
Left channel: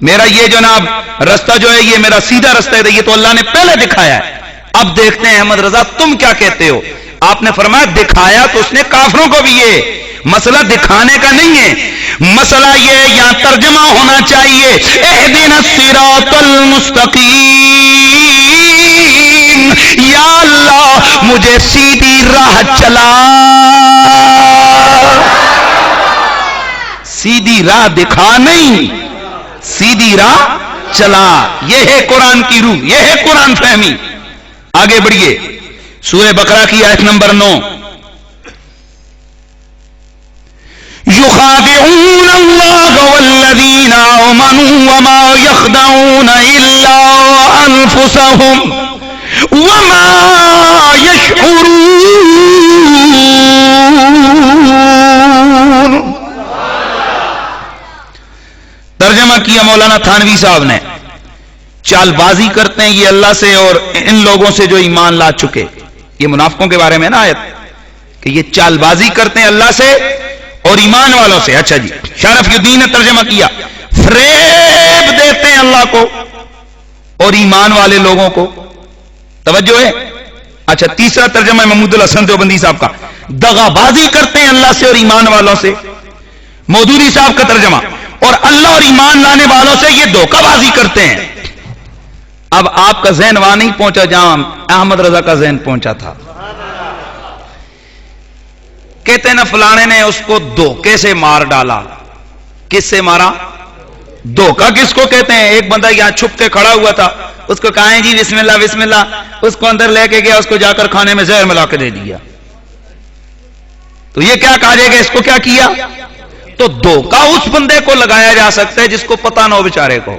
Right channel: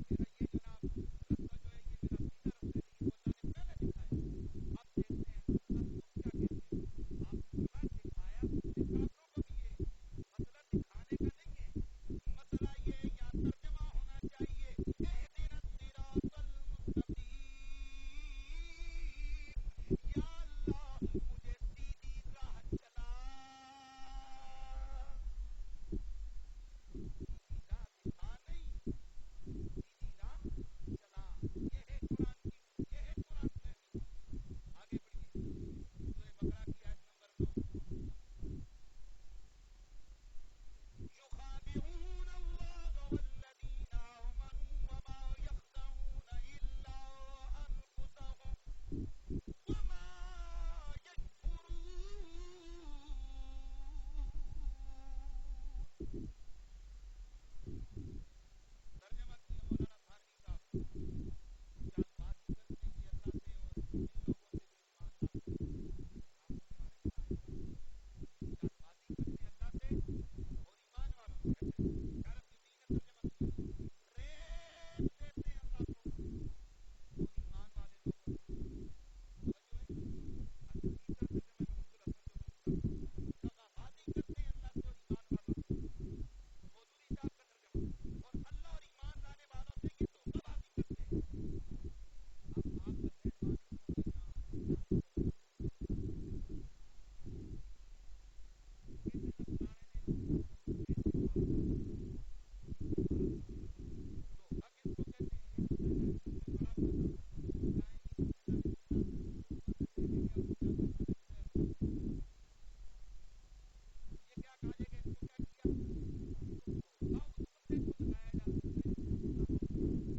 میرا یہ جناب رستہ جو ہے یہ میرا سیدھا رستہ ہے، یہ تو اللہ نے پہلے دکھایا ہے۔ اب دیکھتے ہیں احمد رضا تم کیا کہتے ہو۔ آپ نے فرمایا دکھایا تو اس نے کافروں کو بھی، یہ مسئلہ دکھانے کا نہیں ہے، مسئلہ یہ یہاں ترجمہ ہونا چاہیے اہدنا الصراط المستقیم، یا اللہ مجھے سیدھی راہ چلا، سیدھی راہ دکھا نہیں، سیدھی راہ چلا۔ یہ ہے قرآن کی روح، یہ ہے قرآن فہمی۔ آگے بڑھیے سورہ بقرہ کی آیت نمبر 9۔ يخادعون الله والذين آمنوا وما يخدعون إلا أنفسهم وما يشعرون۔ ترجمہ کیا مولانا تھانوی صاحب نے، چال بازی کرتے ہیں یہ اللہ سے اور ان لوگوں سے جو ایمان لا چکے، یہ منافقوں کے بارے میں نا آیت کہ یہ چال بازی کرتے ہیں اللہ سے اور ایمان والوں سے۔ اچھا جی، شرف الدین نے ترجمہ کیا فریب دیتے ہیں اللہ کو اور ایمان والے لوگوں کو۔ توجہ ہے؟ اچھا، تیسرا ترجمہ ہے محمود الحسن دیوبندی صاحب کا، دغا بازی کرتے ہیں اللہ سے اور ایمان والوں سے۔ مودودی صاحب کا ترجمہ، اور اللہ اور ایمان لانے والوں سے یہ دھوکہ بازی کرتے ہیں۔ اب آپ کا ذہن وہاں نہیں پہنچا جہاں احمد رضا کا ذہن پہنچا تھا۔ کہتے ہیں نا فلانے نے اس کو دھوکے سے مار ڈالا۔ کس سے مارا؟ دھوکہ کس کو کہتے ہیں؟ ایک بندہ یہاں چھپ کے کھڑا ہوا تھا، اس کو کہا جی بسم اللہ بسم اللہ، اس کو اندر لے کے گیا، اس کو جا کر کھانے میں زہر ملا کے دے دیا، تو یہ کیا کہا جائے گا؟ اس کو کیا کیا؟ تو دھوکہ اس بندے کو لگایا جا سکتا ہے جس کو پتہ نہ ہو بیچارے کو۔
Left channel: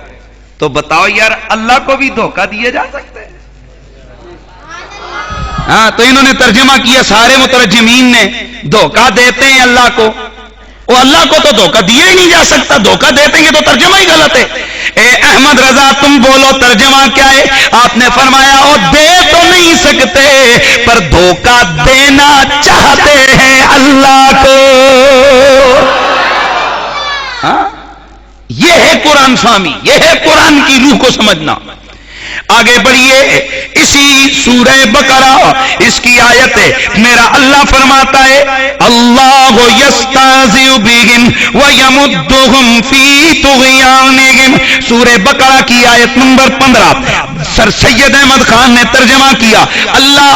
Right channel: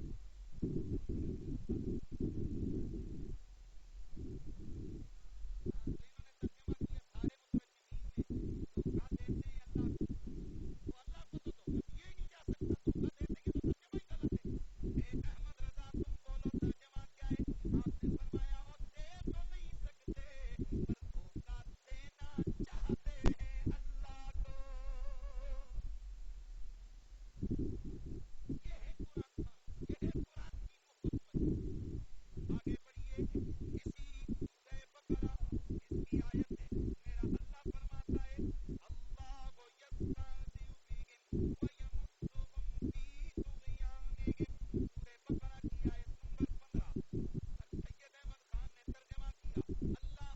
تو بتاؤ یار اللہ کو بھی دھوکہ دیا جا سکتا ہے؟ ہاں، تو انہوں نے ترجمہ کیا، سارے مترجمین نے، دھوکہ دیتے ہیں اللہ کو، وہ اللہ کو تو دھوکہ دیا ہی نہیں جا سکتا، دھوکہ دیتے ہیں، یہ تو ترجمہ ہی غلط ہے۔ اے احمد رضا تم بولو ترجمہ کیا ہے؟ آپ نے فرمایا وہ دے تو نہیں سکتے پر دھوکہ دینا چاہتے ہیں اللہ کو۔ ہاں، یہ ہے قرآن فہمی، یہ ہے قرآن کی روح کو سمجھنا۔ آگے بڑھیے، اسی سورہ بقرہ اس کی آیت ہے، میرا اللہ فرماتا ہے اللہ یستہزئ بہم ویمدہم فی طغیانہم۔ سورہ بقرہ کی آیت نمبر 15 سر سید احمد خان نے ترجمہ کیا، اللہ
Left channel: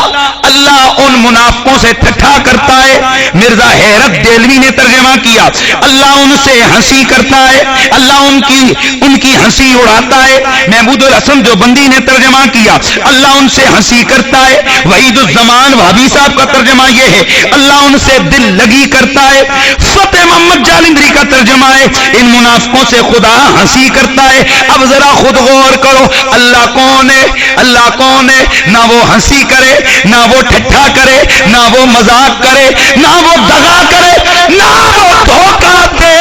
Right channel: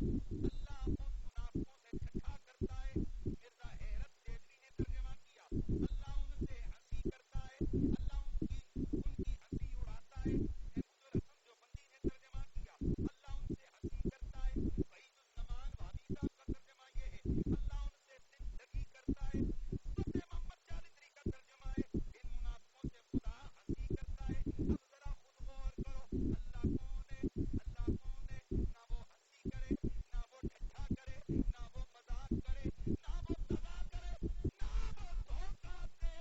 ان منافقوں سے ٹھٹھا کرتا ہے۔ مرزا حیرت دہلوی نے ترجمہ کیا، اللہ ان سے ہنسی کرتا ہے، اللہ ان کی ہنسی اڑاتا ہے۔ محمود الحسن دیوبندی نے ترجمہ کیا، اللہ ان سے ہنسی کرتا ہے۔ وحید الزمان وہابی صاحب کا ترجمہ یہ ہے، اللہ ان سے دل لگی کرتا ہے۔ فتح محمد جالندری کا ترجمہ ہے، ان منافقوں سے خدا ہنسی کرتا ہے۔ اب ذرا خود غور کرو، اللہ کون ہے؟ اللہ کون ہے؟ نہ وہ ہنسی کرے، نہ وہ ٹھٹھا کرے، نہ وہ مذاق کرے، نہ وہ دغا کرے، نہ وہ دھوکہ دے،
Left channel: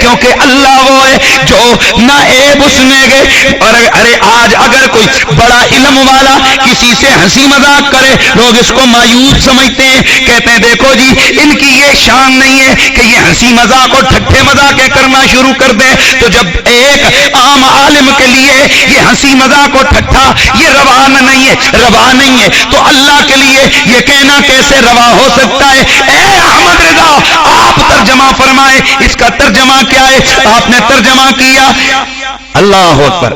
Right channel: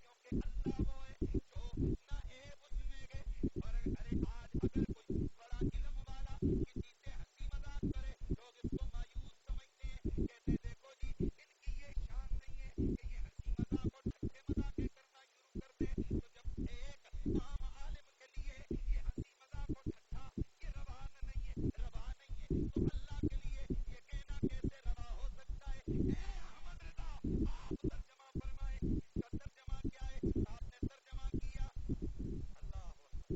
کیونکہ اللہ وہ ہے جو نہ عیب اس میں گئے۔ اور ارے آج اگر کوئی بڑا علم والا کسی سے ہنسی مذاق کرے، لوگ اس کو مایوس سمجھتے ہیں، کہتے ہیں دیکھو جی ان کی یہ شان نہیں ہے کہ یہ ہنسی مذاق اور ٹھٹھے مذاقیں کرنا شروع کر دیں۔ تو جب ایک عام عالم کے لیے یہ ہنسی مذاق اور ٹھٹھا یہ روا نہیں ہے تو اللہ کے لیے یہ کہنا کیسے روا ہو سکتا ہے؟ اے احمد رضا آپ ترجمہ فرمائے، اس کا ترجمہ کیا ہے؟ آپ نے ترجمہ کیا، اللہ اکبر،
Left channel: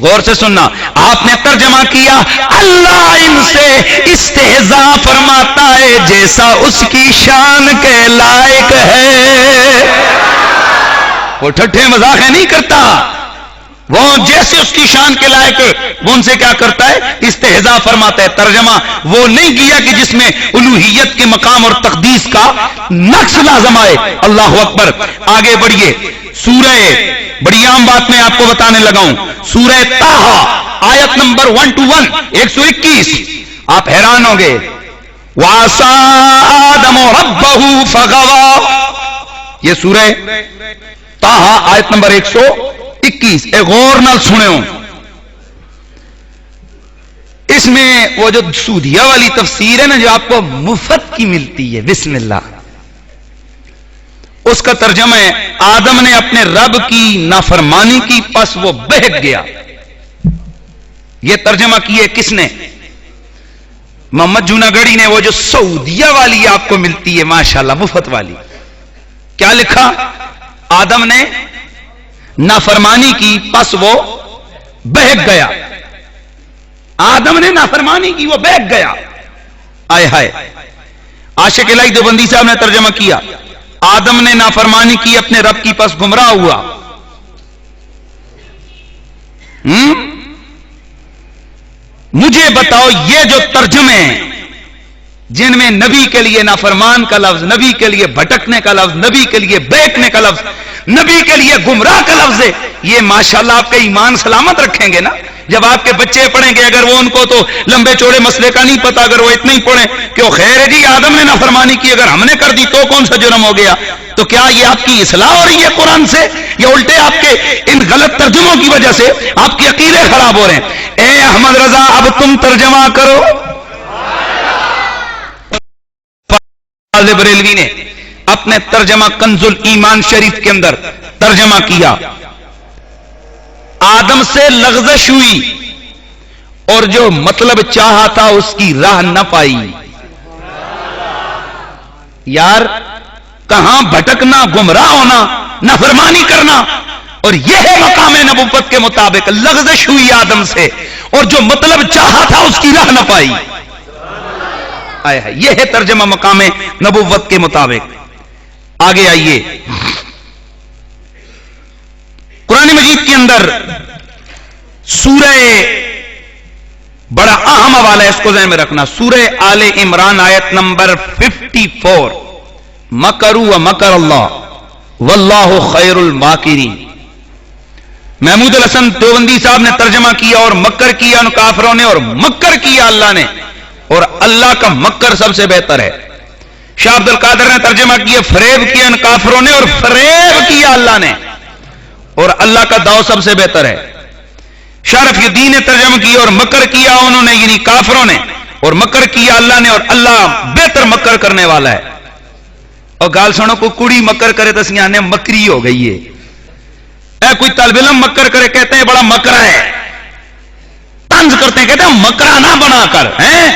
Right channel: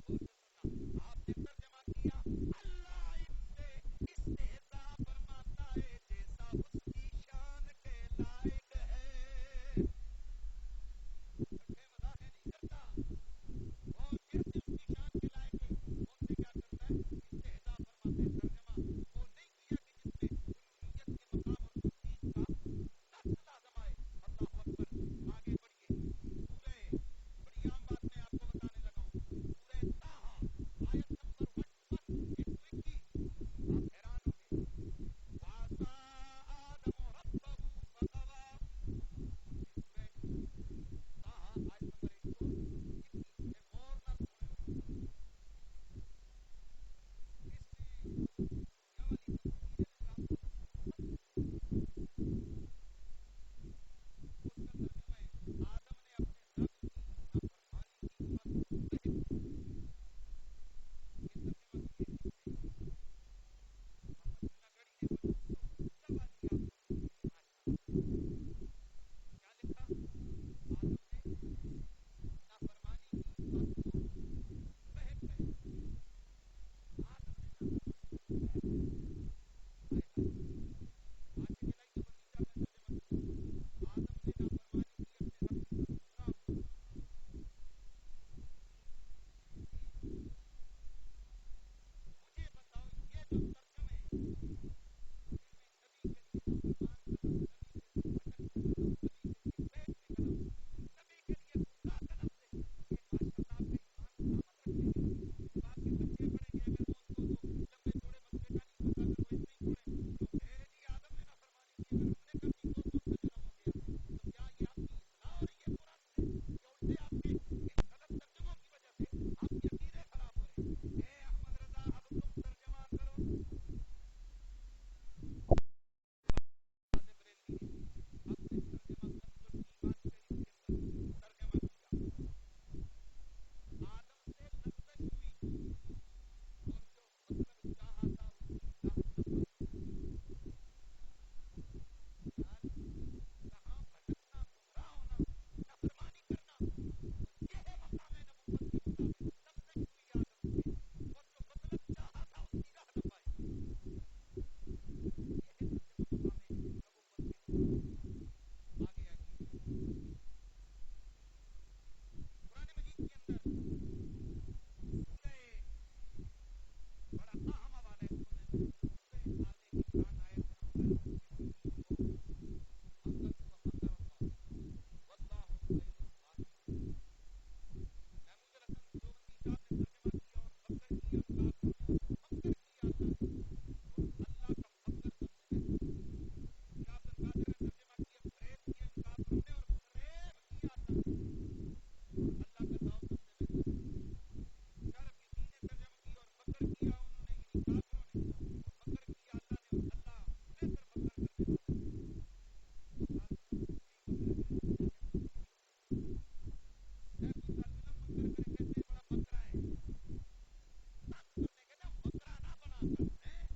غور سے سننا، آپ نے ترجمہ کیا اللہ ان سے استہزاء فرماتا ہے جیسا اس کی شان کے لائق ہے۔ وہ ٹھٹھے مذاق نہیں کرتا، وہ جیسے اس کی شان کے لائق ہے وہ ان سے کیا کرتا ہے؟ استہزاء فرماتا ہے۔ ترجمہ وہ نہیں کیا کہ جس میں الوہیت کے مقام اور تقدیس کا نقص لازم آئے۔ اللہ اکبر، آگے بڑھیے، سورہ، بڑی عام بات میں آپ کو بتانے لگا ہوں، سورہ طٰہٰ آیت نمبر 121 121، آپ حیران ہوں گے، وَعَصَىٰ آدَمُ رَبَّهُ فَغَوَىٰ، یہ سورہ طٰہٰ آیت نمبر 121، اے غور نال سنے ہوں، اس میں وہ جو سودھیا والی تفسیر ہے نا جو آپ کو مفت کی ملتی ہے، بسم اللہ، اس کا ترجمہ ہے آدم نے اپنے رب کی نافرمانی کی پس وہ بہک گیا. یہ ترجمہ کیے کس نے؟ محمد جوناگڑھی نے. وہ جو سعودیہ والی آپ کو ملتی ہے ماشاءاللہ مفت والی, کیا لکھا؟ آدم نے نافرمانی کی پس وہ بہک گیا. آدم نے نافرمانی کی وہ بہک گیا. آئے ہائے. عاشق الہی دیوبندی صاحب نے ترجمہ کیا آدم نے نافرمانی کی اپنے رب کی پس گمراہ ہوا. مجھے بتاؤ یہ جو ترجمے ہیں جن میں نبی کے لیے نافرمان کا لفظ, نبی کے لیے بھٹکنے کا لفظ, نبی کے لیے بہکنے کا لفظ, نبی کے لیے گمراہ کا لفظ ہے, یہ ماشاءاللہ آپ کا ایمان سلامت رکھیں گے نا. جب آپ کے بچے پڑھیں گے, اگر وہ ان کو تو لمبے چوڑے مسئلے کا نہیں پتا, اگر وہ اتنا ہی پڑھیں کہ وہ خیر ہے جی آدم نے نافرمانی کی, اگر ہم نے کر دی تو کون سا جرم ہو گیا, تو کیا یہ آپ کی اصلاح ہو رہی ہے قرآن سے, یا الٹے آپ کے ان غلط ترجموں کی وجہ سے آپ کے عقیدے خراب ہو رہے ہیں؟ اے احمد رضا اب تم ترجمہ کرو. بریلوی نے اپنے ترجمہ کنز الایمان شریف کے اندر ترجمہ کیا آدم سے لغزش ہوئی اور جو مطلب چاہا تھا اس کی راہ نہ پائی. یار کہاں بھٹکنا, گمراہ ہونا, نافرمانی کرنا, اور یہ ہے مقام نبوت کے مطابق. لغزش ہوئی آدم سے اور جو مطلب چاہا تھا اس کی راہ نہ پائی. یہ ہے ترجمہ مقام نبوت کے مطابق. آگے آئیے, قرآن مجید کے اندر سورہ بڑا اہم حوالہ ہے, اس کو ذہن میں رکھنا, سورہ آل عمران آیت نمبر 54, مکروا ومکر اللہ واللہ خیر الماکرین. محمود الحسن دیوبندی صاحب نے ترجمہ کیا اور مکر کیا ان کافروں نے, اور مکر کیا اللہ نے, اور اللہ کا مکر سب سے بہتر ہے. شاہ عبد القادر نے ترجمہ کیا فریب کیا ان کافروں نے اور فریب کیا اللہ نے, اور اللہ کا داؤ سب سے بہتر ہے. شاہ رفیع الدین نے ترجمہ کیا اور مکر کیا انہوں نے یعنی کافروں نے, اور مکر کیا اللہ نے, اور اللہ بہتر مکر کرنے والا ہے. اور گال سنو کو کڑی مکر کرے تو سیانے مکری ہو گئی ہے. اے کوئی طالب علم مکر کرے کہتے ہیں بڑا مکرا ہے, طنز کرتے ہیں کہتے ہیں مکرا نہ بنا کر ہیں.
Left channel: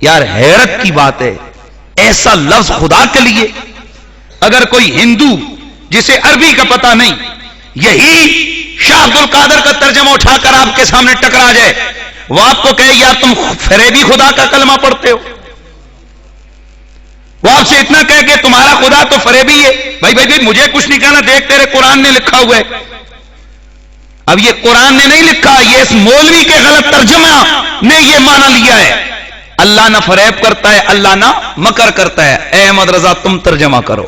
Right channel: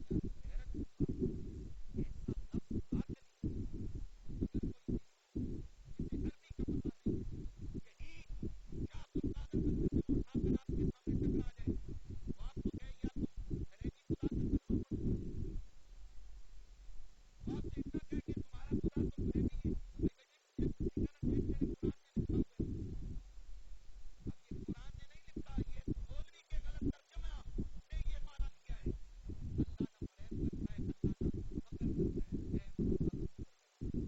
یار حیرت کی بات ہے, ایسا لفظ خدا کے لیے. اگر کوئی ہندو جسے عربی کا پتہ نہیں یہی شاہ عبد القادر کا ترجمہ اٹھا کر آپ کے سامنے ٹکرا جائے, وہ آپ کو کہے یار تم فریبی خدا کا کلمہ پڑھتے ہو, وہ آپ سے اتنا کہے کہ تمہارا خدا تو فریبی ہے. بھائی مجھے کچھ نہیں کہنا, دیکھ تیرے قرآن نے لکھا ہوا ہے. اب یہ قرآن نے نہیں لکھا, یہ اس مولوی کے غلط ترجمہ نے یہ معنی لیا ہے. اللہ نہ فریب کرتا ہے, اللہ نہ مکر کرتا ہے. اے احمد رضا تم ترجمہ کرو.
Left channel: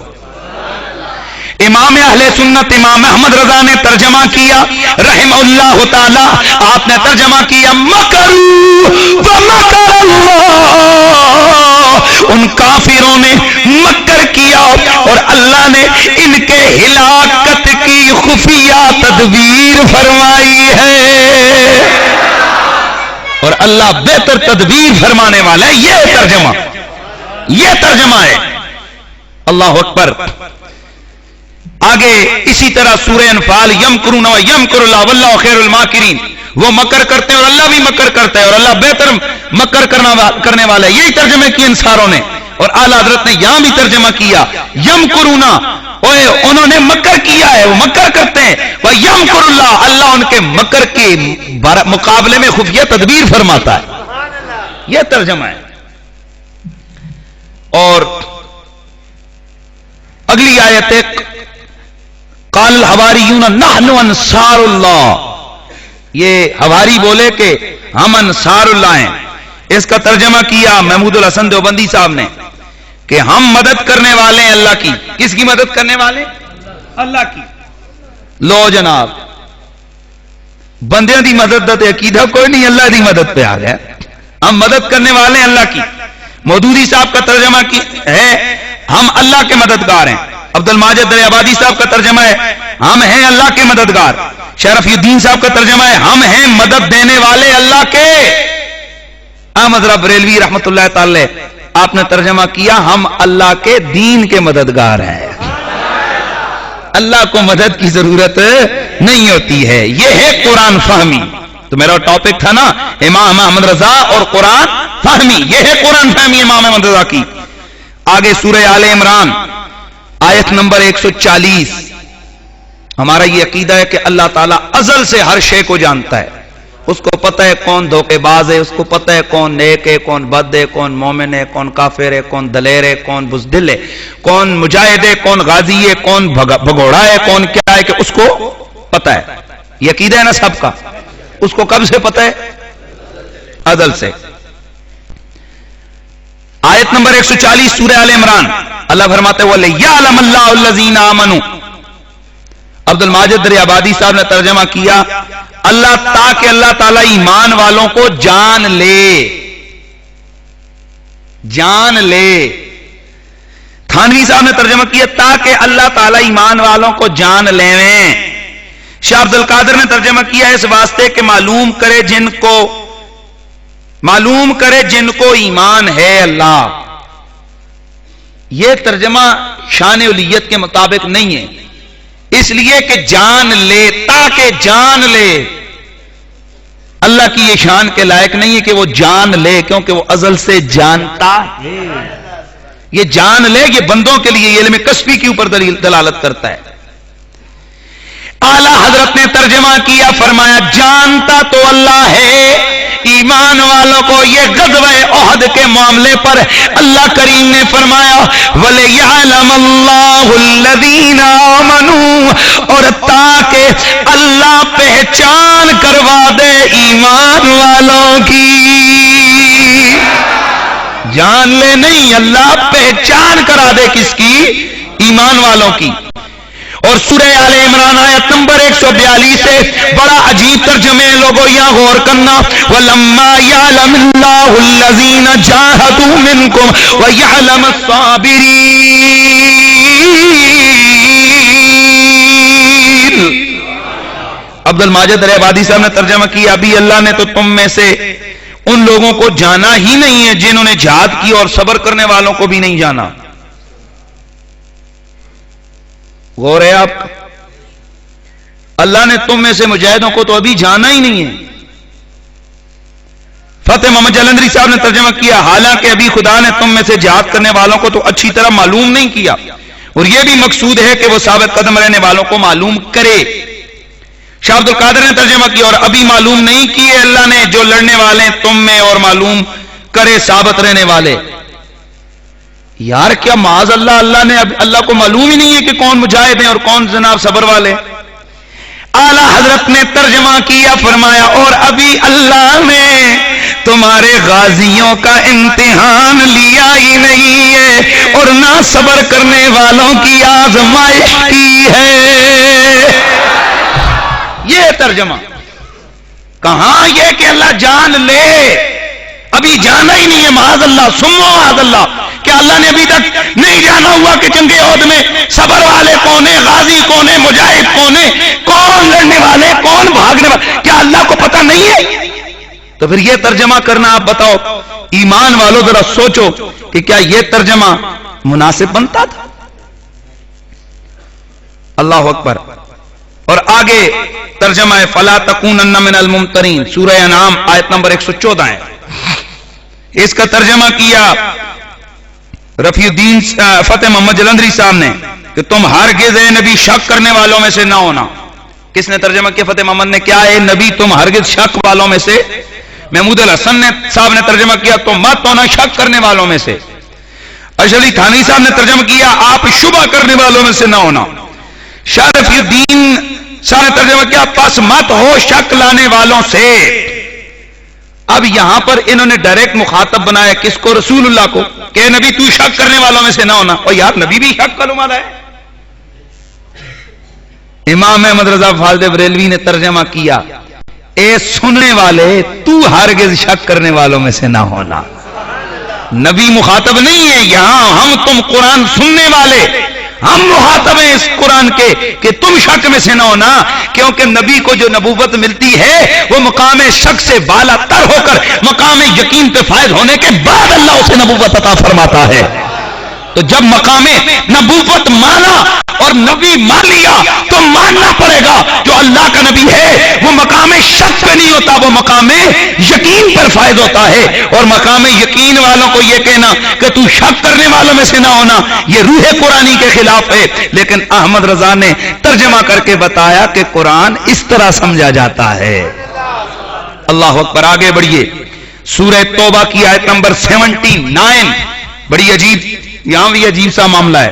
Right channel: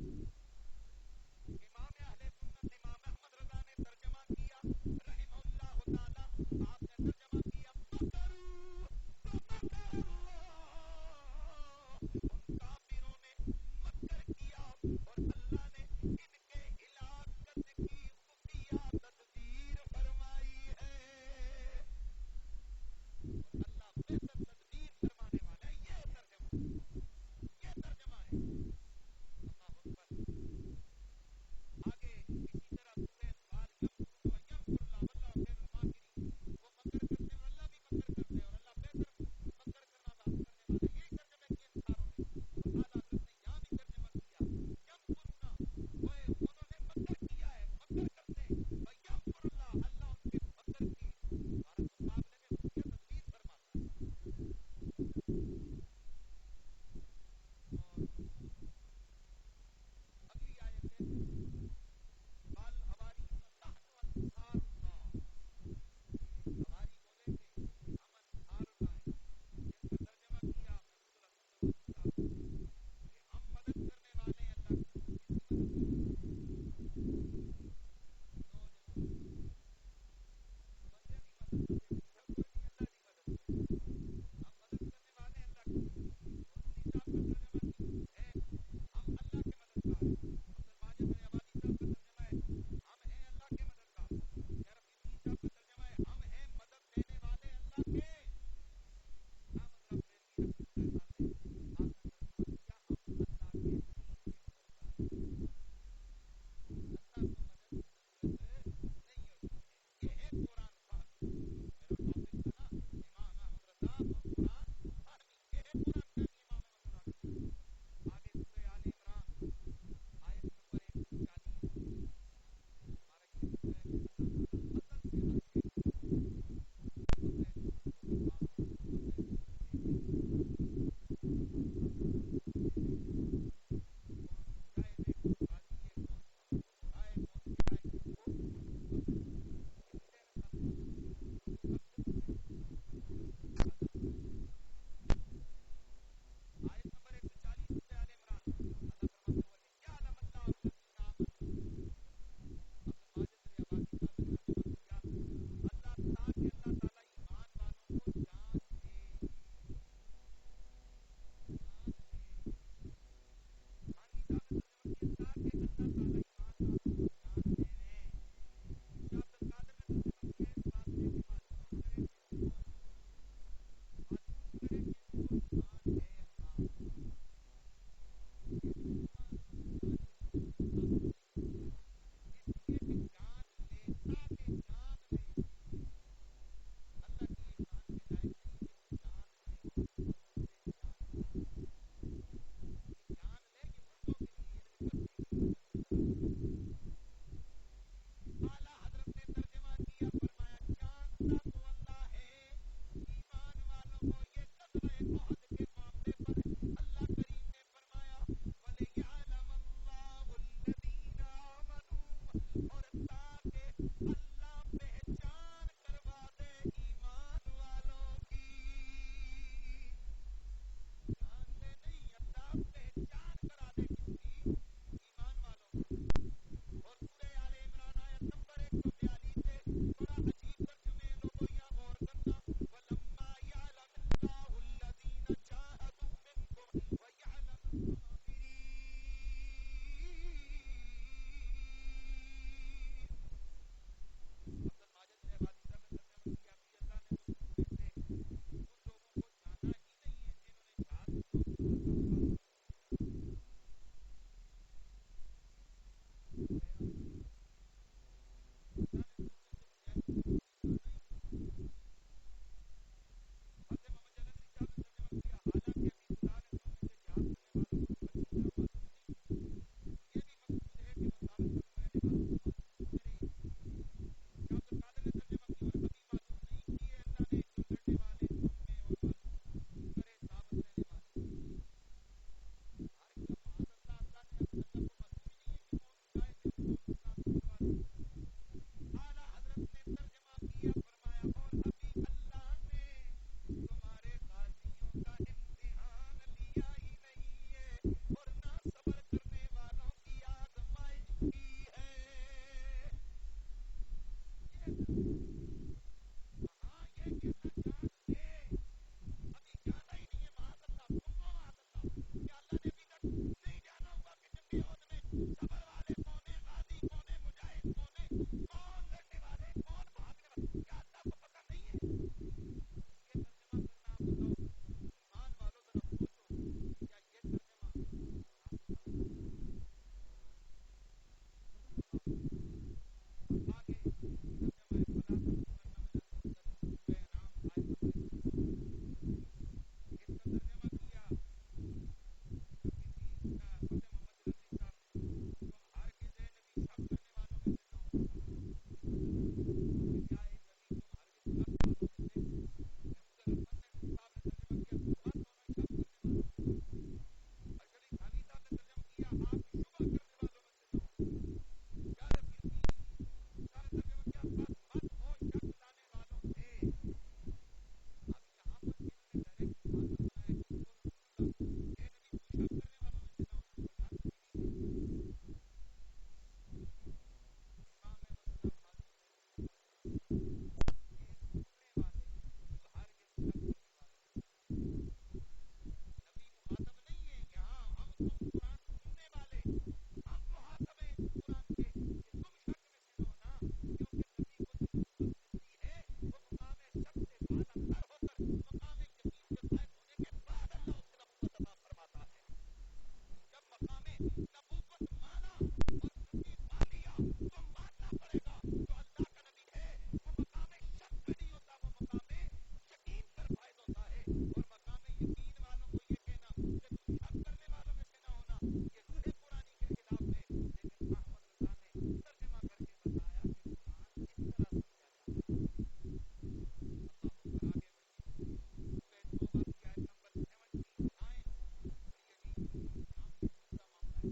امام اہل سنت امام احمد رضا نے ترجمہ کیا رحمہ اللہ تعالی, آپ نے ترجمہ کیا مکروا ومکر اللہ, ان کافروں نے مکر کیا اور اللہ نے ان کے ہلاکت کی خفیہ تدبیر فرمائی ہے, اور اللہ بہتر تدبیر فرمانے والا ہے. یہ ترجمہ ہے. اللہ اکبر. آگے اسی طرح سورہ انفال یمکرون ویمکر اللہ واللہ خیر الماکرین, وہ مکر کرتے ہیں اور اللہ بھی مکر کرتا ہے, اور اللہ بہتر مکر کرنے والا ہے. یہی ترجمے کیے انصاروں نے, اور اعلیٰ حضرت نے یہاں بھی ترجمہ کیا یمکرون, انہوں نے مکر کیا ہے, وہ مکر کرتے ہیں. ویمکر اللہ, اللہ ان کے مکر کے مقابلے میں خفیہ تدبیر فرماتا ہے. یہ ترجمہ ہے. اور اگلی آیت ہے قال الحواریون نحن انصار اللہ, یہ حواری بولے کہ ہم انصار اللہ ہیں. اس کا ترجمہ کیا محمود الحسن دیوبندی صاحب نے کہ ہم مدد کرنے والے ہیں اللہ کی. کس کی مدد کرنے والے؟ اللہ کی. لو جناب, بندیاں دی مدد دا عقیدہ کوئی نہیں, اللہ دی مدد پہ آ گیا. ہم مدد کرنے والے ہیں اللہ کی. مودودی صاحب کا ترجمہ کی ہے ہم اللہ کے مددگار ہیں. عبد الماجد دریابادی صاحب کا ترجمہ ہے ہم ہیں اللہ کے مددگار. شاہ رفیع الدین صاحب کا ترجمہ ہے ہم ہیں مدد دینے والے اللہ کے. احمد رب بریلوی رحمت اللہ تعالی آپ نے ترجمہ کیا ہم اللہ کے دین کے مددگار ہیں، اللہ کو مدد کی ضرورت نہیں ہوتی ہے. یہ ہے قرآن فہمی. تو میرا ٹاپک تھا نا امام احمد رضا اور قرآن فہمی، یہ ہے قرآن فہمی امام احمد رضا کی. آگے سورہ آل عمران آیت نمبر 140. ہمارا یہ عقیدہ ہے کہ اللہ تعالیٰ ازل سے ہر شے کو جانتا ہے. اس کو پتہ ہے کون دھوکے باز ہے، اس کو پتہ ہے کون نیک ہے، کون بد ہے، کون مومن ہے، کون کافر ہے، کون دلیر ہے، کون بزدل ہے، کون مجاہد ہے، کون غازی ہے، کون بھگوڑا ہے، کون کیا ہے، کہ اس کو پتہ ہے. یہ عقیدہ ہے نا سب کا. اس کو کب سے پتہ ہے؟ ازل سے. آیت نمبر 140 سورہ آل عمران اللہ فرماتے ہیں وَلِيَعْلَمَ اللَّهُ الَّذِينَ آمَنُوا. عبد الماجد دریابادی صاحب نے ترجمہ کیا اللہ تاکہ اللہ تعالیٰ ایمان والوں کو جان لے. جان لے. تھانوی صاحب نے ترجمہ کیا تاکہ اللہ تعالیٰ ایمان والوں کو جان لیں. شاہ عبد القادر نے ترجمہ کیا اس واسطے کہ معلوم کرے جن کو ایمان ہے اللہ. یہ ترجمہ شان الیت کے مطابق نہیں ہے، اس لیے کہ جان لے، تاکہ جان لے. اللہ کی یہ شان کے لائق نہیں ہے کہ وہ جان لے، کیونکہ وہ ازل سے جانتا ہے. یہ جان لے یہ بندوں کے لیے، یہ علم کسبی کے اوپر دلالت کرتا ہے. اعلی حضرت نے ترجمہ کیا فرمایا جانتا تو اللہ ہے ایمان والوں کو. یہ غزوہ احد کے معاملے پر اللہ کریم نے فرمایا وَلِيَعْلَمَ اللَّهُ الَّذِينَ آمَنُوا، اور تاکہ اللہ پہچان کروا دے ایمان والوں کی. جان لے نہیں، اللہ پہچان کرا دے کس کی؟ ایمان والوں کی. اور سورہ آل عمران آیت نمبر 142 سے بڑا عجیب ترجمے لوگوں یہاں غور کرنا وَلَمَّا يَعْلَمِ اللَّهُ الَّذِينَ جَاهَدُوا مِنْكُمْ وَيَعْلَمَ الصَّابِرِينَ. عبد الماجد دریابادی صاحب نے ترجمہ کیا ابھی اللہ نے تو تم میں سے ان لوگوں کو جانا ہی نہیں ہے جنہوں نے جہاد کی، اور صبر کرنے والوں کو بھی نہیں جانا. غور ہے آپ کا. اللہ نے تم میں سے مجاہدوں کو تو ابھی جانا ہی نہیں ہے. فتح محمد جلندری صاحب نے ترجمہ کیا حالانکہ ابھی خدا نے تم میں سے جہاد کرنے والوں کو تو اچھی طرح معلوم نہیں کیا، اور یہ بھی مقصود ہے کہ وہ ثابت قدم رہنے والوں کو معلوم کرے. شاہ عبد القادر نے ترجمہ کیا اور ابھی معلوم نہیں کیے اللہ نے جو لڑنے والے تم میں، اور معلوم کرے ثابت رہنے والے. یار کیا معاذ اللہ، اللہ نے اللہ کو معلوم ہی نہیں ہے کہ کون مجاہد ہیں اور کون جناب صبر والے. اعلی حضرت نے ترجمہ کیا فرمایا اور ابھی اللہ نے تمہارے غازیوں کا امتحان لیا ہی نہیں ہے، اور نہ صبر کرنے والوں کی آزمائش کی ہے. یہ ترجمہ کہاں یہ کہ اللہ جان لے، ابھی جانا ہی نہیں ہے. معاذ اللہ سمو معاذ اللہ، کیا اللہ نے ابھی تک نہیں جانا ہوا کہ جنگ احد میں صبر والے کون ہیں، غازی کون ہیں، مجاہد کون ہیں، کون لڑنے والے، کون بھاگنے والے؟ کیا اللہ کو پتہ نہیں ہے؟ تو پھر یہ ترجمہ کرنا آپ بتاؤ ایمان والوں ذرا سوچو کہ کیا یہ ترجمہ مناسب بنتا تھا؟ اللہ اکبر. اور آگے ترجمہ ہے فَلَا تَكُونَنَّ مِنَ الْمُمْتَرِينَ سورہ انعام آیت نمبر 114 ہے. اس کا ترجمہ کیا رفیع الدین فتح محمد جلندری صاحب نے کہ تم ہرگز اے نبی شک کرنے والوں میں سے نہ ہونا. کس نے ترجمہ کیا؟ فتح محمد نے. کیا اے نبی تم ہرگز شک والوں میں سے. محمود الحسن صاحب نے ترجمہ کیا تم مت ہونا شک کرنے والوں میں سے. اشرف علی تھانوی صاحب نے ترجمہ کیا آپ شبہ کرنے والوں میں سے نہ ہونا. شاہ رفیع الدین صاحب نے ترجمہ کیا پس مت ہو شک لانے والوں سے. اب یہاں پر انہوں نے ڈائریکٹ مخاطب بنایا کس کو؟ رسول اللہ کو، کہ نبی تو شک کرنے والوں میں سے نہ ہونا. اور یار نبی بھی شک کرنے والا ہے. امام احمد رضا خالد بریلوی نے ترجمہ کیا اے سننے والے تو ہرگز شک کرنے والوں میں سے نہ ہونا. نبی مخاطب نہیں ہے یہاں، ہم تم قرآن سننے والے ہم مخاطب ہیں اس قرآن کے کہ تم شک میں سے نہ ہونا، کیونکہ نبی کو جو نبوت ملتی ہے وہ مقام شک سے بالا تر ہو کر مقام یقین پہ فائز ہونے کے بعد اللہ اسے نبوت عطا فرماتا ہے۔ تو جب مقام نبوت مانا اور نبی مان لیا تو ماننا پڑے گا جو اللہ کا نبی ہے وہ مقام شک پہ نہیں ہوتا، وہ مقام یقین پر فائز ہوتا ہے۔ اور مقام یقین والوں کو یہ کہنا کہ تو شک کرنے والوں میں سے نہ ہونا، یہ روح قرآنی کے خلاف ہے۔ لیکن احمد رضا نے ترجمہ کر کے بتایا کہ قرآن اس طرح سمجھا جاتا ہے۔ اللہ اکبر، آگے بڑھیے۔ سورہ توبہ کی آیت نمبر 79، بڑی عجیب، یہاں بھی عجیب سا معاملہ ہے۔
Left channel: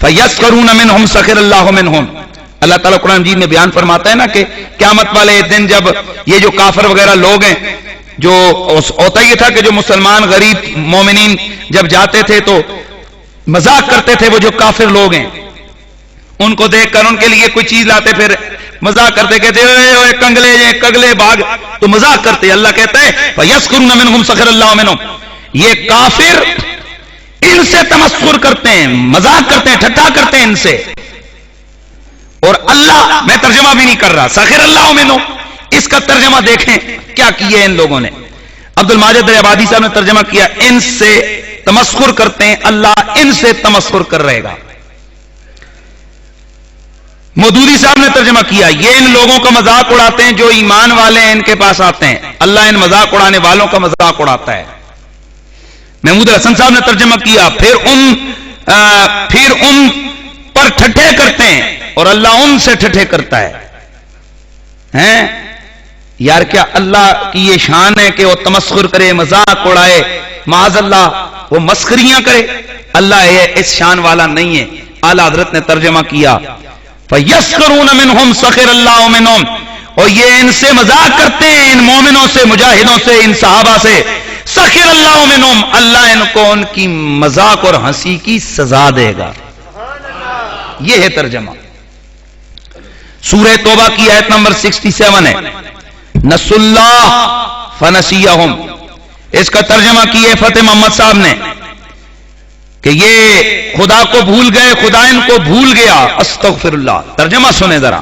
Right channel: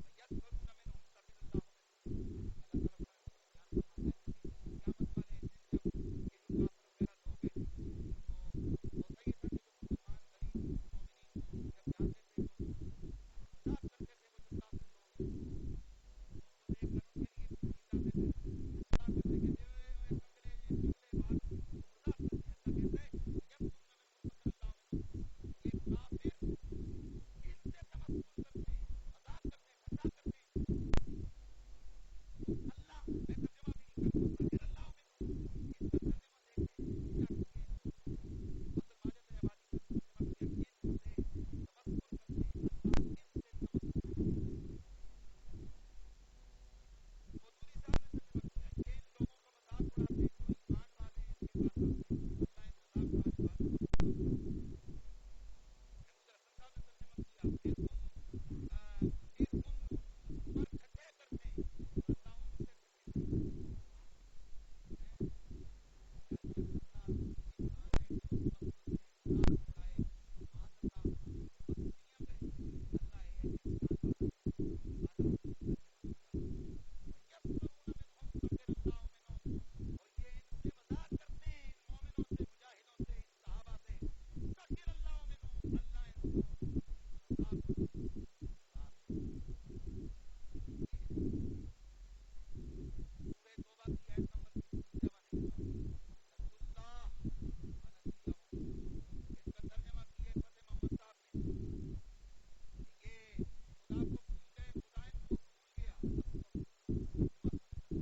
فَيَسْخَرُونَ مِنْهُمْ سَخِرَ اللَّهُ مِنْهُمْ، اللہ تعالیٰ قرآن مجید میں بیان فرماتا ہے نا کہ قیامت والے دن جب یہ جو کافر وغیرہ لوگ ہیں، جو ہوتا یہ تھا کہ جو مسلمان غریب مومنین جب جاتے تھے تو مذاق کرتے تھے، وہ جو کافر لوگ ہیں ان کو دیکھ کر ان کے لیے کوئی چیز لاتے، پھر مذاق کرتے، کہتے اے کنگلے کگلے بھاگ، تو مذاق کرتے۔ اللہ کہتا ہے فَيَسْخَرُونَ مِنْهُمْ سَخِرَ اللَّهُ مِنْهُمْ، یہ کافر ان سے تمسخر کرتے ہیں، مذاق کرتے ہیں، ٹھٹھا کرتے ہیں ان سے۔ اور اللہ، میں ترجمہ بھی نہیں کر رہا، سخر اللہ منہم، اس کا ترجمہ دیکھیں کیا کیا ان لوگوں نے۔ عبد الماجد آبادی صاحب نے ترجمہ کیا ان سے تمسخر کرتے ہیں، اللہ ان سے تمسخر کر رہے گا۔ مودودی صاحب نے ترجمہ کیا یہ ان لوگوں کا مذاق اڑاتے ہیں جو ایمان والے ہیں، ان کے پاس آتے ہیں، اللہ ان مذاق اڑانے والوں کا مذاق اڑاتا ہے۔ محمود الحسن صاحب نے ترجمہ کیا پھر ان پر ٹھٹھے کرتے ہیں اور اللہ ان سے ٹھٹھے کرتا ہے۔ یار کیا اللہ کی یہ شان ہے کہ وہ تمسخر کرے، مذاق اڑائے، معاذ اللہ وہ مسخریاں کرے؟ اللہ اس شان والا نہیں ہے۔ اعلیٰ حضرت نے ترجمہ کیا فَيَسْخَرُونَ مِنْهُمْ سَخِرَ اللَّهُ مِنْهُمْ، اور یہ ان سے مذاق کرتے ہیں، ان مومنوں سے، مجاہدوں سے، ان صحابہ سے۔ سخر اللہ منہم، اللہ ان کو ان کی مذاق اور ہنسی کی سزا دے گا۔ یہ ہے ترجمہ۔ سورہ توبہ کی آیت نمبر 67 ہے، نسوا اللہ فنسیہم، اس کا ترجمہ کیے فتح محمد صاحب نے کہ یہ خدا کو بھول گئے، خدا ان کو بھول گیا، استغفر اللہ۔ ترجمہ سنیں ذرا،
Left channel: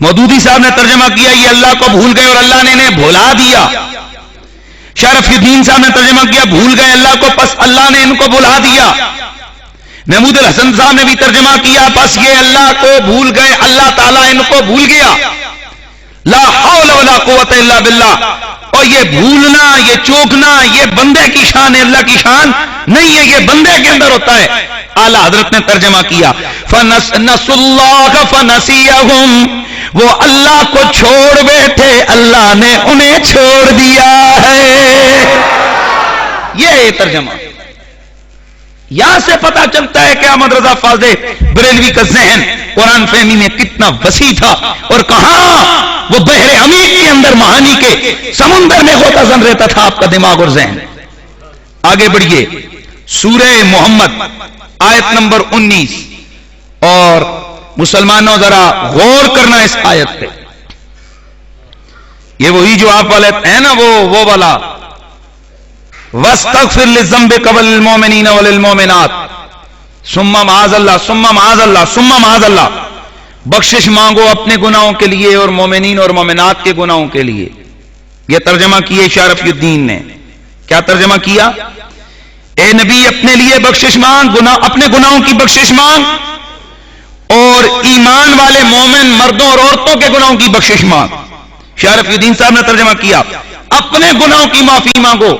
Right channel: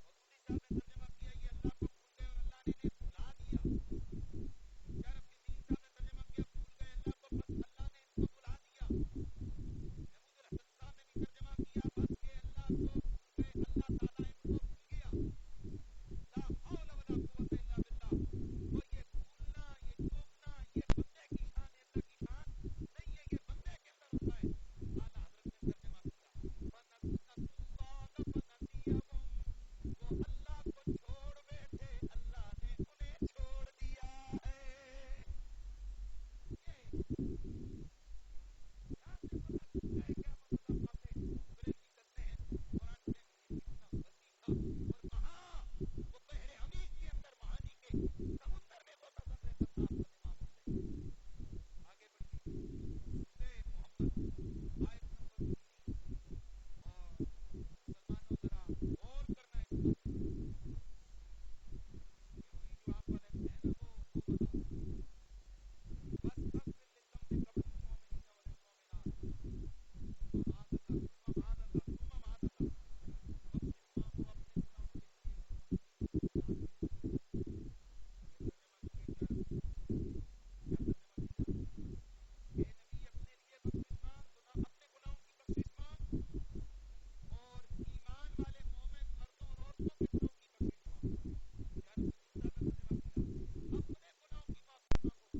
مودودی صاحب نے ترجمہ کیا یہ اللہ کو بھول گئے اور اللہ نے انہیں بھلا دیا۔ شرف الدین صاحب نے ترجمہ کیا بھول گئے اللہ کو، پس اللہ نے ان کو بھلا دیا۔ محمود الحسن صاحب نے بھی ترجمہ کیا پس یہ اللہ کو بھول گئے، اللہ تعالیٰ ان کو بھول گیا۔ لا حول ولا قوت الا باللہ، اور یہ بھولنا، یہ چوکنا، یہ بندے کی شان ہے، اللہ کی شان نہیں ہے، یہ بندے کے اندر ہوتا ہے۔ اعلیٰ حضرت نے ترجمہ کیا فَنَسُوا اللَّهَ فَنَسِيَهُمْ، وہ اللہ کو چھوڑ بیٹھے، اللہ نے انہیں چھوڑ دیا ہے۔ یہ ہے ترجمہ۔ یہاں سے پتا چلتا ہے کہ احمد رضا فاضل بریلوی کا ذہن قرآن فہمی میں کتنا وسیع تھا، اور کہاں وہ بحر عمیق کے اندر معانی کے سمندر میں غوطہ زن رہتا تھا آپ کا دماغ اور ذہن۔ آگے بڑھیے، سورہ محمد آیت نمبر 19، اور مسلمانوں ذرا غور کرنا اس آیت پہ۔ یہ وہی جو آپ والے ہیں نا، وہ والا وَاسْتَغْفِرْ لِلذَّنبِ وَلِلْمُؤْمِنِينَ وَلِلْمُؤْمِنَاتِ ثُمَّ مَعَاذَ اللَّهِ ثُمَّ مَعَاذَ اللَّهِ ثُمَّ مَعَاذَ اللَّهِ، بخشش مانگو اپنے گناہوں کے لیے اور مومنین اور مومنات کے گناہوں کے لیے۔ یہ ترجمہ کیے شرف الدین نے۔ کیا ترجمہ کیا؟ اے نبی اپنے لیے بخشش مانگ، اپنے گناہوں کی بخشش مانگ، اور ایمان والے مومن مردوں اور عورتوں کے گناہوں کی بخشش مانگ۔ شرف الدین صاحب نے ترجمہ کیا اپنے گناہوں کی معافی مانگو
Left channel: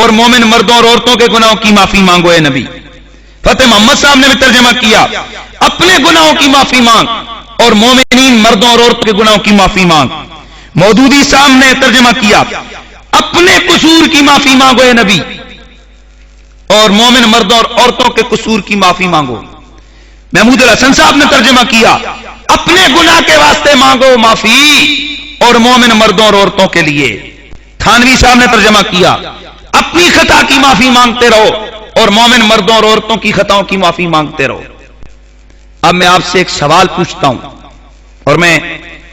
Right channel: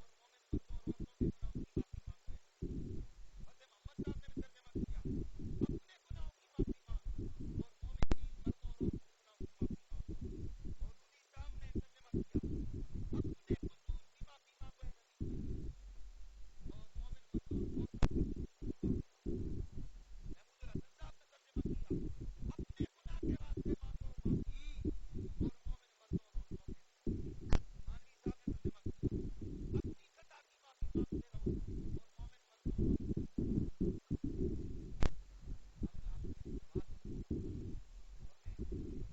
اور مومن مردوں اور عورتوں کے گناہوں کی معافی مانگو اے نبی۔ فتح محمد صاحب نے بھی ترجمہ کیا اپنے گناہوں کی معافی مانگ اور مومنین مردوں اور عورتوں کے گناہوں کی معافی مانگ۔ مودودی صاحب نے ترجمہ کیا اپنے قصور کی معافی مانگو اے نبی، اور مومن مردوں اور عورتوں کے قصور کی معافی مانگو۔ محمود الحسن صاحب نے ترجمہ کیا اپنے گناہ کے واسطے مانگو معافی اور مومن مردوں اور عورتوں کے لیے۔ تھانوی صاحب نے ترجمہ کیا اپنی خطا کی معافی مانگتے رہو اور مومن مردوں اور عورتوں کی خطاؤں کی معافی مانگتے رہو۔ اب میں آپ سے ایک سوال پوچھتا ہوں، اور میں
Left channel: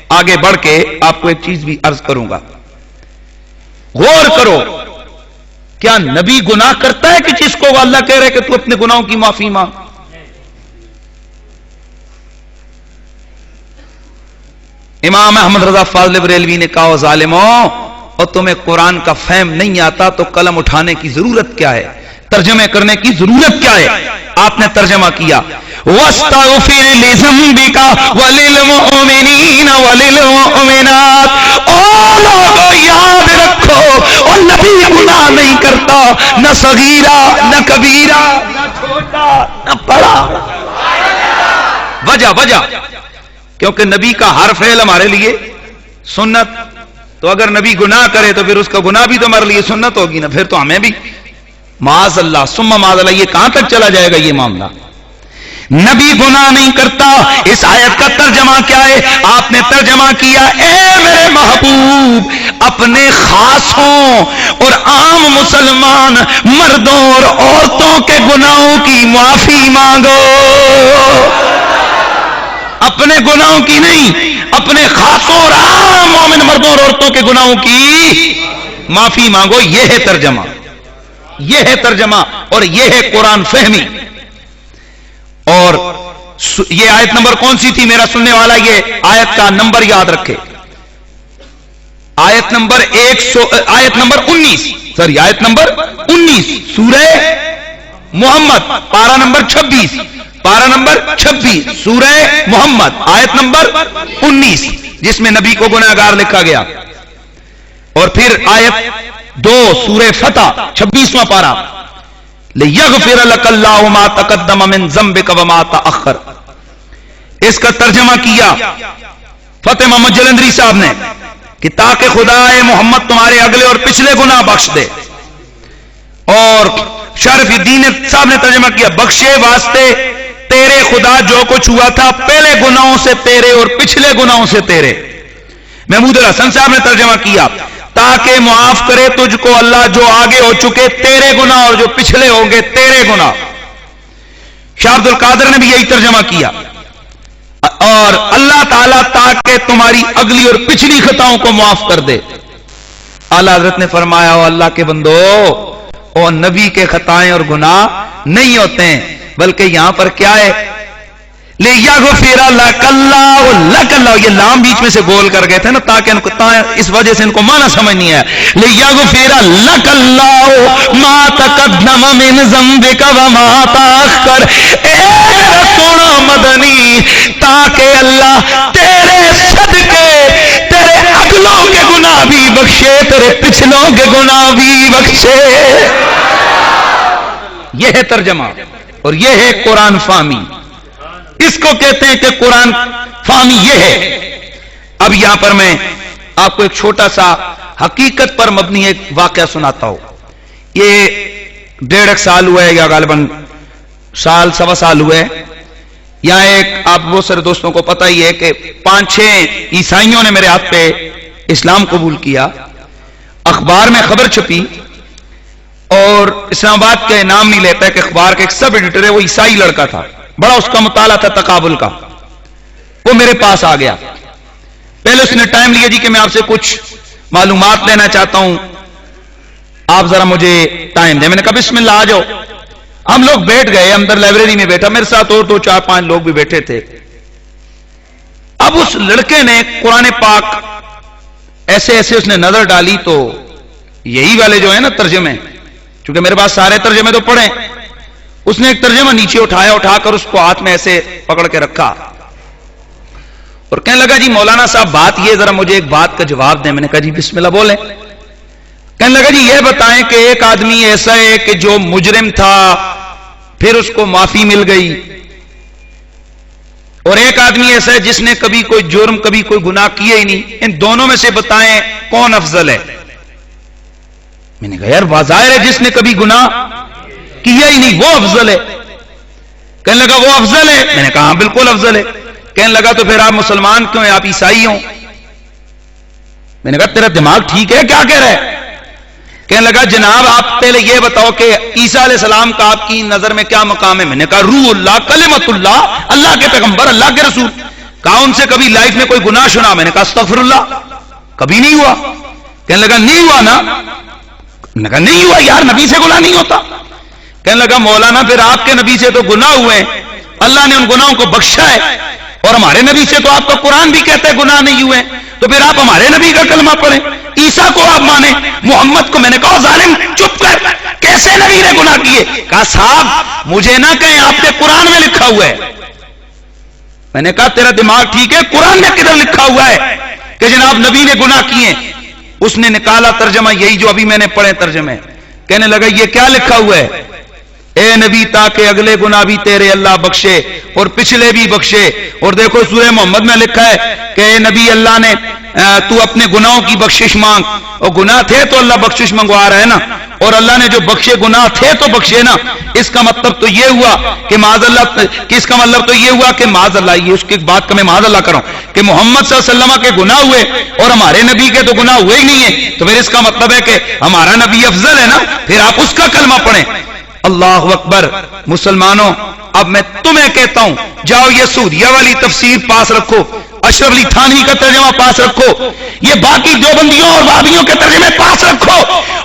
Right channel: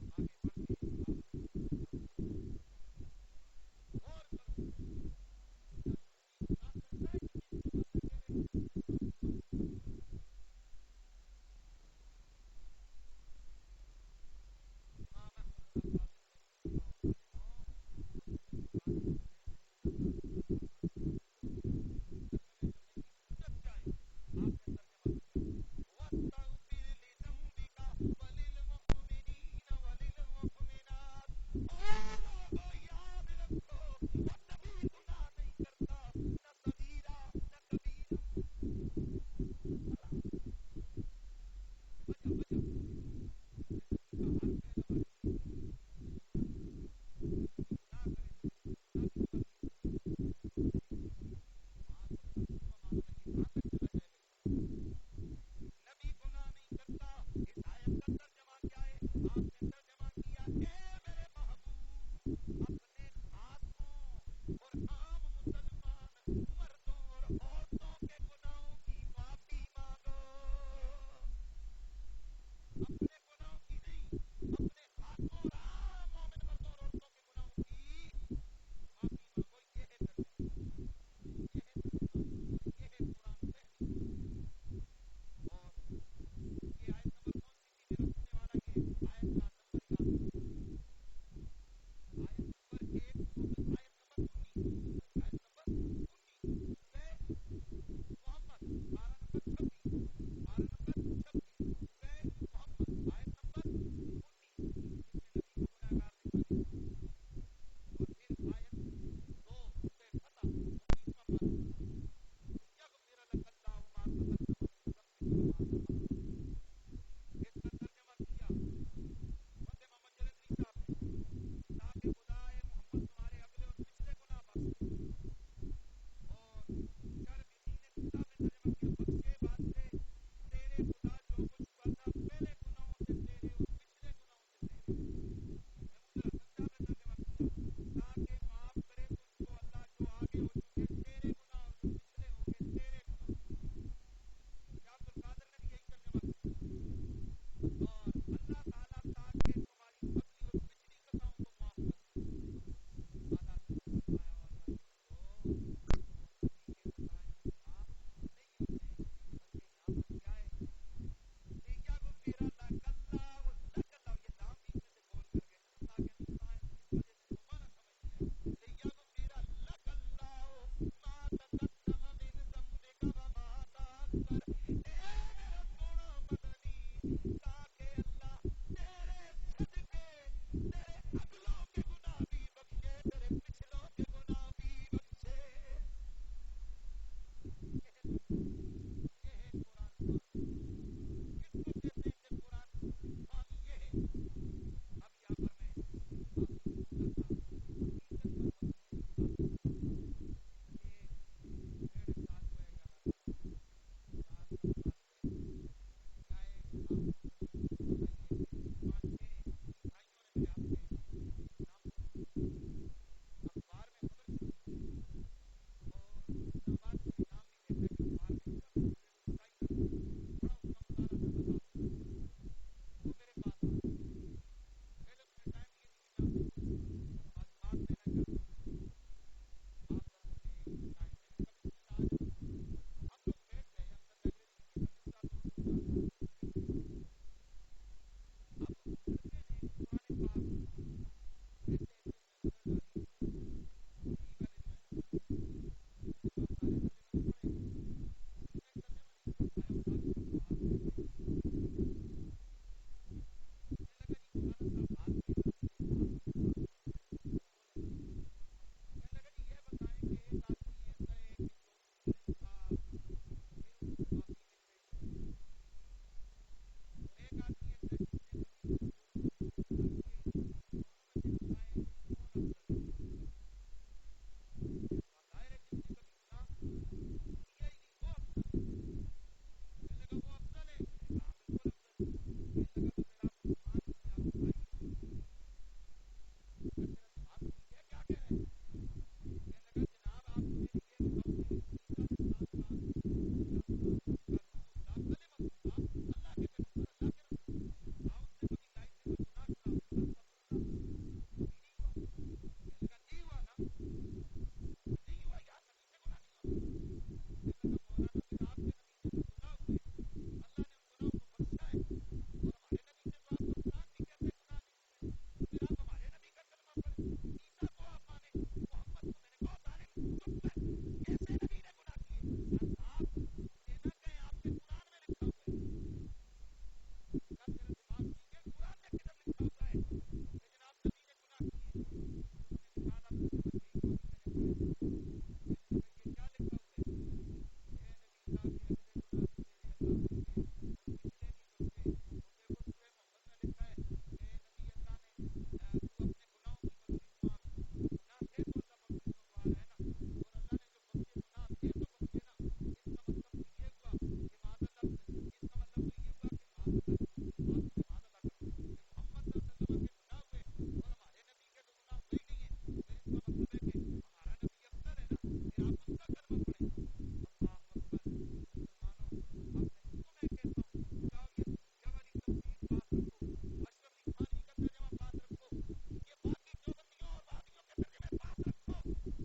آگے بڑھ کے آپ کو ایک چیز بھی عرض کروں گا، غور کرو، کیا نبی گناہ کرتا ہے کہ جس کو اللہ کہہ رہے کہ تو اپنے گناہوں کی معافی مانگ؟ امام احمد رضا فاضل بریلوی نے کہا ظالموں، اور تمہیں قرآن کا فہم نہیں آتا تو قلم اٹھانے کی ضرورت کیا ہے، ترجمے کرنے کی ضرورت کیا ہے؟ آپ نے ترجمہ کیا وَاسْتَغْفِرْ لِذَنْبِكَ وَلِلْمُؤْمِنِينَ وَلِلْمُؤْمِنَاتِ۔ او لوگو یاد رکھو، اور نبی گناہ نہیں کرتا، نہ صغیرہ نہ کبیرہ نہ چھوٹا نہ بڑا۔ وجہ کیونکہ نبی کا ہر فعل ہمارے لیے سنت، تو اگر نبی گناہ کرے تو پھر اس کا گناہ بھی تو ہمارے لیے سنت ہوگی نا، پھر تو ہمیں بھی معاذ اللہ ثم معاذ اللہ۔ یہ کہاں تک چلا جائے گا یہ معاملہ؟ نبی گناہ نہیں کرتا۔ اس آیت کا ترجمہ کیا ہے؟ آپ نے ترجمہ کیا اے میرے محبوب، اپنے خاصوں اور عام مسلمان مردوں اور عورتوں کے گناہوں کی معافی مانگو۔ اپنے گناہوں کی نہیں، اپنے خاصوں اور عام مومن مردوں اور عورتوں کے گناہوں کی معافی مانگو۔ یہ ہے ترجمہ، یہ ہے ترجمہ، اور یہ ہے قرآن فہمی۔ اور یہ آیت نمبر کون سی تھی میرا سننے والا؟ یہ آیت کا نمبر یاد رکھے، آیت نمبر 19 سورہ محمد، پارہ نمبر 26 سورہ محمد، آیت نمبر 19، جس میں نبی کو گناہگار لکھا گیا۔ اور پھر آیت 2 سورہ فتح 26واں پارہ، لِيَغْفِرَ لَكَ اللَّهُ مَا تَقَدَّمَ مِن ذَنبِكَ وَمَا تَأَخَّرَ۔ اس کا ترجمہ کیا فتح محمد جلندری صاحب نے کہ تاکہ خدا محمد تمہارے اگلے اور پچھلے گناہ بخش دے، اور شرف الدین صاحب نے ترجمہ کیا بخشے واسطے تیرے خدا جو کچھ ہوا تھا پہلے گناہوں سے تیرے اور پچھلے گناہوں سے تیرے۔ محمود الحسن صاحب نے ترجمہ کیا تاکہ معاف کرے تجھ کو اللہ جو آگے ہو چکے تیرے گناہ اور جو پچھلے ہوں گے تیرے گناہ۔ شاہ عبد القادر نے بھی یہی ترجمہ کیا، اور اللہ تعالیٰ تاکہ تمہاری اگلی اور پچھلی خطاؤں کو معاف کر دے۔ اعلیٰ حضرت نے فرمایا او اللہ کے بندو، اور نبی کے خطائیں اور گناہ نہیں ہوتے ہیں، بلکہ یہاں پر کیا ہے؟ لِيَغْفِرَ لَكَ اللَّهُ، یہ لام بیچ میں سے گول کر گئے تھے نا، تاکہ ان کو اس وجہ سے ان کو معنی سمجھ نہیں آیا۔ لِيَغْفِرَ لَكَ اللَّهُ مَا تَقَدَّمَ مِن ذَنبِكَ وَمَا تَأَخَّرَ۔ اے میرا سونا مدنی، تاکہ اللہ تیرے صدقے تیرے اگلوں کے گناہ بھی بخشے، تیرے پچھلوں کے گناہ بھی بخشے۔ یہ ہے ترجمہ، اور یہ ہے قرآن فہمی۔ اس کو کہتے ہیں کہ قرآن فہمی یہ ہے۔ اب یہاں پر میں آپ کو ایک چھوٹا سا حقیقت پر مبنی ایک واقعہ سناتا ہوں۔ یہ 1.5 سال ہوا ہے، یا غالباً سال سوا سال ہوئے۔ یہاں ایک آپ بہت سارے دوستوں کو پتہ ہی ہے کہ 5-6 عیسائیوں نے میرے ہاتھ پہ اسلام قبول کیا۔ اخبار میں خبر چھپی، اور اسلام آباد کا نام نہیں لیتا ہے کہ اخبار کا ایک سب ایڈیٹر ہے، وہ عیسائی لڑکا تھا، بڑا اس کا مطالعہ تھا تقابل کا، وہ میرے پاس آ گیا۔ پہلے اس نے ٹائم لیا جی کہ میں آپ سے کچھ معلومات لینا چاہتا ہوں، آپ ذرا مجھے ٹائم دیں۔ میں نے کہا بسم اللہ آ جاؤ۔ ہم لوگ بیٹھ گئے، اندر لائبریری میں بیٹھا، میرے ساتھ اور 2-4-5 لوگ بھی بیٹھے تھے۔ اب اس لڑکے نے قرآن پاک ایسے اس نے نظر ڈالی، تو یہی والے جو ہیں نا ترجمے، چونکہ میرے پاس سارے ترجمے تو پڑھیں، اس نے ایک ترجمہ نیچے اٹھا کر اس کو ہاتھ میں ایسے پکڑ کے رکھا، اور کہنے لگا جی مولانا صاحب بات یہ، ذرا مجھے ایک بات کا جواب دیں۔ میں نے کہا جی بسم اللہ بولیں۔ کہنے لگا جی یہ بتائیں کہ ایک آدمی ایسا ہے کہ جو مجرم تھا پھر اس کو معافی مل گئی، اور ایک آدمی ایسا ہے جس نے کبھی کوئی جرم کبھی کوئی گناہ کیا ہی نہیں، ان دونوں میں سے بتائیں کون افضل ہے؟ میں نے کہا یار واضح ہے جس نے کبھی گناہ کیا ہی نہیں وہ افضل ہے۔ کہنے لگا وہ افضل ہے؟ میں نے کہا ہاں بالکل افضل ہے۔ کہنے لگا تو پھر آپ مسلمان کیوں ہیں، آپ عیسائی ہوں؟ میں نے کہا تیرا دماغ ٹھیک ہے کیا کہہ رہا ہے؟ کہنے لگا جناب آپ پہلے یہ بتاؤ کہ عیسیٰ علیہ السلام کا آپ کی نظر میں کیا مقام ہے؟ میں نے کہا روح اللہ، کلمت اللہ، اللہ کے پیغمبر، اللہ کے رسول۔ کہا ان سے کبھی لائف میں کوئی گناہ سنا؟ میں نے کہا استغفر اللہ، کبھی نہیں ہوا۔ کہنے لگا نہیں ہوا نا؟ میں نے کہا نہیں ہوا یار، نبی سے گناہ نہیں ہوتا۔ کہنے لگا مولانا پھر آپ کے نبی سے تو گناہ ہوئے ہیں، اللہ نے ان گناہوں کو بخشا ہے، اور ہمارے نبی سے تو آپ کا قرآن بھی کہتا ہے گناہ نہیں ہوئے، تو پھر آپ ہمارے نبی کا کلمہ پڑھیں، عیسیٰ کو آپ مانیں، محمد کو۔ میں نے کہا ظالم چپ کر، کیسے نبی نے گناہ کیے؟ کہا صاحب مجھے نہ کہیں، آپ کے قرآن میں لکھا ہوا ہے۔ میں نے کہا تیرا دماغ ٹھیک ہے؟ قرآن میں کدھر لکھا ہوا ہے کہ جناب نبی نے گناہ کیے؟ اس نے نکالا ترجمہ یہی جو ابھی میں نے پڑھے ترجمے، کہنے لگا یہ کیا لکھا ہوا ہے؟ اے نبی تاکہ اگلے گناہ بھی تیرے اللہ بخشے اور پچھلے بھی بخشے۔ اور دیکھو سورہ محمد میں لکھا ہے کہ اے نبی اللہ نے تو اپنے گناہوں کی بخشش مانگ، اور گناہ تھے تو اللہ بخشش منگوا رہا ہے نا، اور اللہ نے جو بخشے گناہ تھے تو بخشے نا۔ اس کا مطلب تو یہ ہوا کہ معاذ اللہ، کہ اس کا مطلب تو یہ ہوا کہ معاذ اللہ، یہ اس کی بات کا میں معاذ اللہ کروں کہ محمد صلی اللہ علیہ وسلم کے گناہ ہوئے اور ہمارے نبی کے تو گناہ ہوئے ہی نہیں ہیں، تو پھر اس کا مطلب ہے کہ ہمارا نبی افضل ہے نا، پھر آپ اس کا کلمہ پڑھیں۔ اللہ اکبر۔ مسلمانوں اب میں تمہیں کہتا ہوں، جاؤ یہ سعودیہ والی تفسیر پاس رکھو، اشرف علی تھانوی کا ترجمہ پاس رکھو، یہ باقی دیوبندیوں اور وہابیوں کے ترجمے پاس رکھو،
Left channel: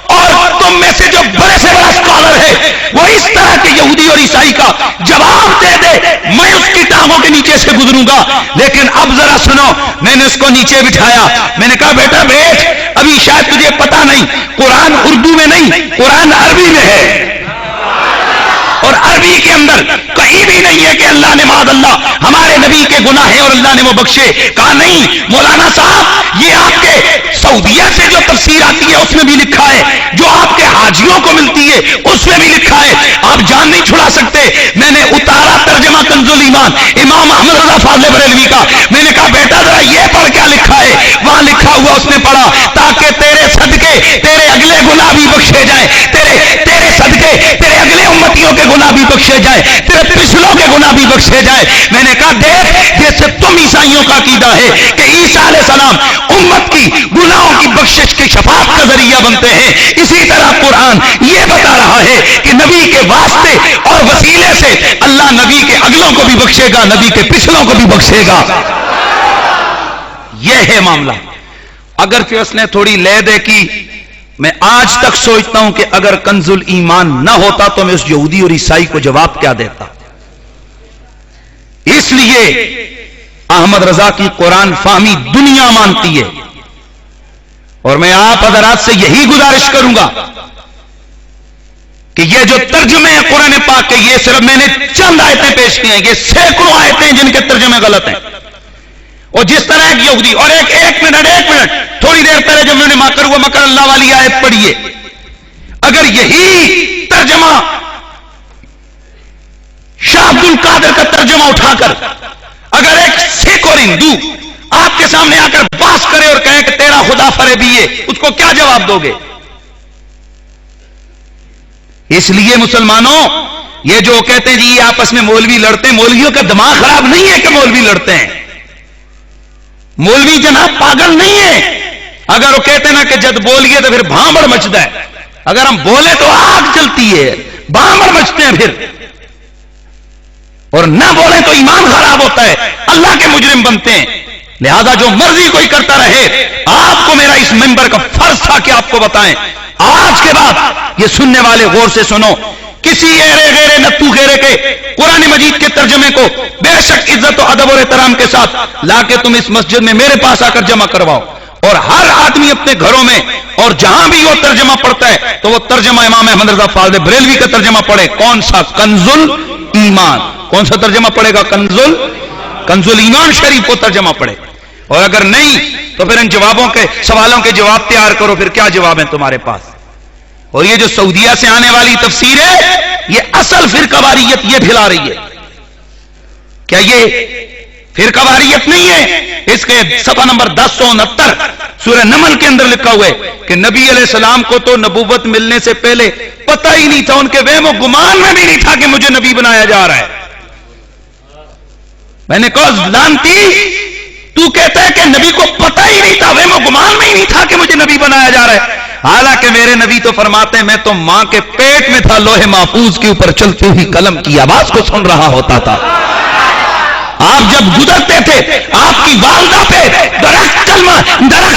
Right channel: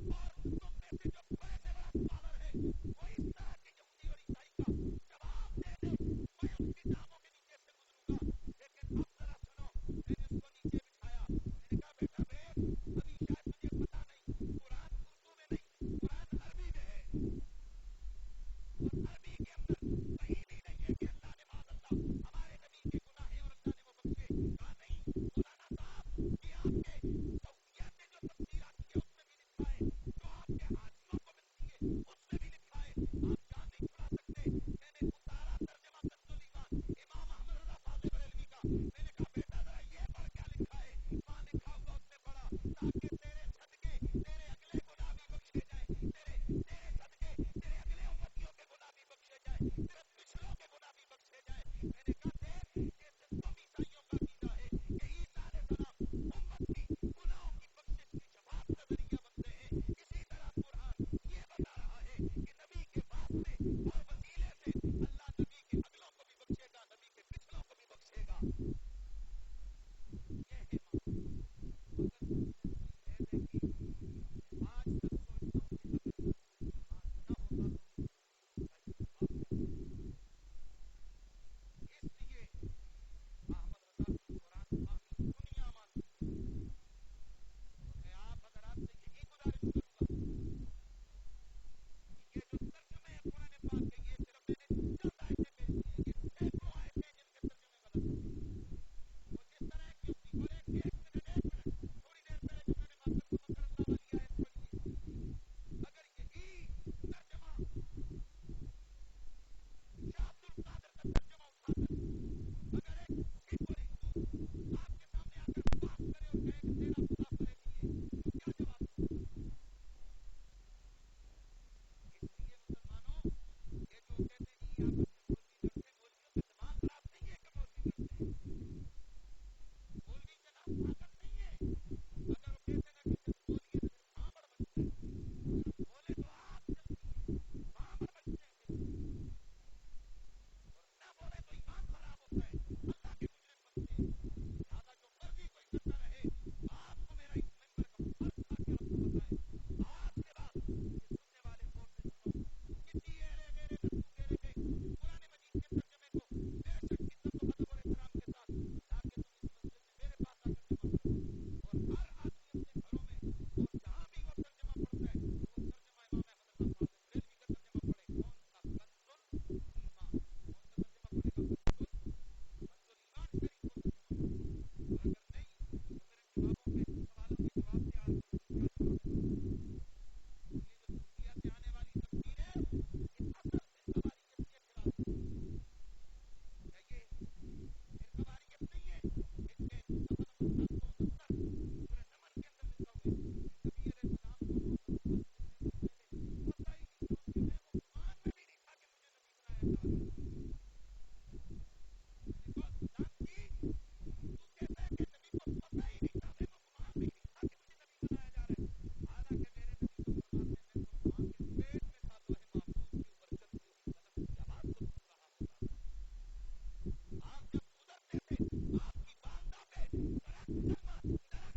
اور تم میں سے جو بڑے سے بڑا اسکالر ہے وہ اس طرح کے یہودی اور عیسائی کا جواب دے دے، میں اس کی ٹانگوں کے نیچے سے گزروں گا۔ لیکن اب ذرا سنو، میں نے اس کو نیچے بٹھایا، میں نے کہا بیٹا بیٹھ، ابھی شاید تجھے پتا نہیں، قرآن اردو میں نہیں، قرآن عربی میں ہے، اور عربی کے اندر کہیں بھی نہیں ہے کہ اللہ نے معاذ اللہ ہمارے نبی کے گناہ ہیں اور اللہ نے وہ بخشے۔ کہا نہیں مولانا صاحب، یہ آپ کے سعودیہ سے جو تفسیر آتی ہے اس میں بھی لکھا ہے، جو آپ کے حاجیوں کو ملتی ہے اس میں بھی لکھا ہے، آپ جان نہیں چھڑا سکتے۔ میں نے اتارا ترجمہ کنز الایمان امام احمد رضا فاضل بریلوی کا، میں نے کہا بیٹا ذرا یہ پڑھ کیا لکھا ہے؟ وہاں لکھا ہوا اس نے پڑھا، تاکہ تیرے صدقے تیرے اگلے گناہ بھی بخشے جائیں، تیرے صدقے تیرے اگلے امتیوں کے گناہ بھی بخشے جائے، تیرے پچھلوں کے گناہ بھی بخشے جائے۔ میں نے کہا دیکھ، جیسے تم عیسائیوں کا عقیدہ ہے کہ عیسیٰ علیہ السلام امت کی گناہوں کی بخشش کی شفاعت کا ذریعہ بنتے ہیں، اسی طرح قرآن یہ بتا رہا ہے کہ نبی کے واسطے اور وسیلے سے اللہ نبی کے اگلوں کو بھی بخشے گا، نبی کے پچھلوں کو بھی بخشے گا۔ یہ ہے معاملہ۔ اگر کہ اس نے تھوڑی لے دے کی، میں آج تک سوچتا ہوں کہ اگر کنز الایمان نہ ہوتا تو میں اس یہودی اور عیسائی کو جواب کیا دیتا۔ اس لیے احمد رضا کی قرآن فہمی دنیا مانتی ہے، اور میں آپ حضرات سے یہی گزارش کروں گا کہ یہ جو ترجمے ہیں قرآن پاک کے، یہ صرف میں نے چند آیتیں پیش کی ہیں، یہ سینکڑوں آیتیں ہیں جن کے ترجمے غلط ہیں۔ اور جس طرح ایک یہودی، اور ایک منٹ تھوڑی دیر پہلے جب میں نے مکر ہوا مکر اللہ والی آیت پڑھی ہے، اگر یہی ترجمہ شاہ عبد القادر کا ترجمہ اٹھا کر اگر ایک سکھ اور ہندو آپ کے سامنے آ کر باس کرے اور کہے کہ تیرا خدا فریبی ہے، اس کو کیا جواب دو گے؟ اس لیے مسلمانوں، یہ جو کہتے ہیں جی یہ آپس میں مولوی لڑتے ہیں، مولویوں کا دماغ خراب نہیں ہے کہ مولوی لڑتے ہیں، مولوی جناب پاگل نہیں ہے۔ اگر وہ کہتے نا کہ جد بولیے تو پھر بھانبڑ مچتا ہے، اگر ہم بولے تو آگ چلتی ہے، بھانبڑ مچتے ہیں پھر، اور نہ بولیں تو ایمان خراب ہوتا ہے، اللہ کے مجرم بنتے ہیں۔ لہذا جو مرضی کوئی کرتا رہے، آپ کو میرا اس منبر کا فرض تھا کہ آپ کو بتائیں۔ آج کے بعد یہ سننے والے غور سے سنو، کسی ایرے غیرے نتو غیرے کے قرآن مجید کے ترجمے کو بے شک عزت و ادب اور احترام کے ساتھ لا کے تم اس مسجد میں میرے پاس آ کر جمع کرواؤ، اور ہر آدمی اپنے گھروں میں اور جہاں بھی وہ ترجمہ پڑھتا ہے تو وہ ترجمہ امام احمد رضا فاضل بریلوی کا ترجمہ پڑھے۔ کون سا؟ کنز الایمان۔ کون سا ترجمہ پڑھے گا؟ کنز الایمان شریف کو ترجمہ پڑھے، اور اگر نہیں تو پھر ان جوابوں کے سوالوں کے جواب تیار کرو، پھر کیا جواب ہیں تمہارے پاس؟ اور یہ جو سعودیہ سے آنے والی تفسیر ہے، یہ اصل فرقہ واریت یہ پھیلا رہی ہے۔ کیا یہ فرقہ واریت نہیں ہے؟ اس کے صفحہ نمبر 1069 سورہ نمل کے اندر لکھا ہوا ہے کہ نبی علیہ السلام کو تو نبوت ملنے سے پہلے پتہ ہی نہیں تھا، ان کے وہم و گمان میں بھی نہیں تھا کہ مجھے نبی بنایا جا رہا ہے۔ میں نے کہا لانتی، تو کہتا ہے کہ نبی کو پتہ ہی نہیں تھا، وہم و گمان میں ہی نہیں تھا کہ مجھے نبی بنایا جا رہا ہے، حالانکہ میرے نبی تو فرماتے ہیں میں تو ماں کے پیٹ میں تھا، لوح محفوظ کے اوپر چلتی ہوئی قلم کی آواز کو سن رہا ہوتا تھا۔ آپ جب گزرتے تھے آپ کی والدہ پہ درخت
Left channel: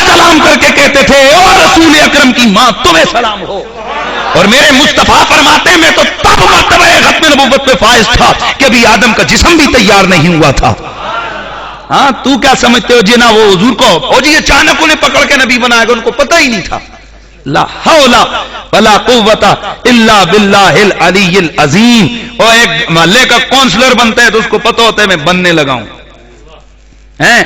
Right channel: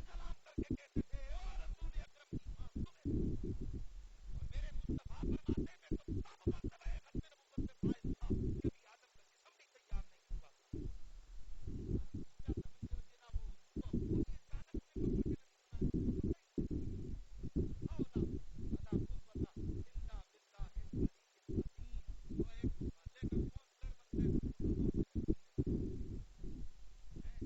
سلام کر کے کہتے تھے او رسول اکرم کی ماں تمہیں سلام ہو، اور میرے مصطفیٰ فرماتے ہیں میں تو تب مرتبہ ختم نبوت پہ فائز تھا کہ ابھی آدم کا جسم بھی تیار نہیں ہوا تھا۔ ہاں تو کیا سمجھتے ہو جنا وہ حضور کو او جی اچانک انہیں پکڑ کے نبی بنایا گا، ان کو پتہ ہی نہیں تھا. لا حول ولا قوت الا باللہ العلی العظیم. اور ایک محلے کا کونسلر بنتا ہے تو اس کو پتہ ہوتا ہے میں بننے لگا ہوں ہیں،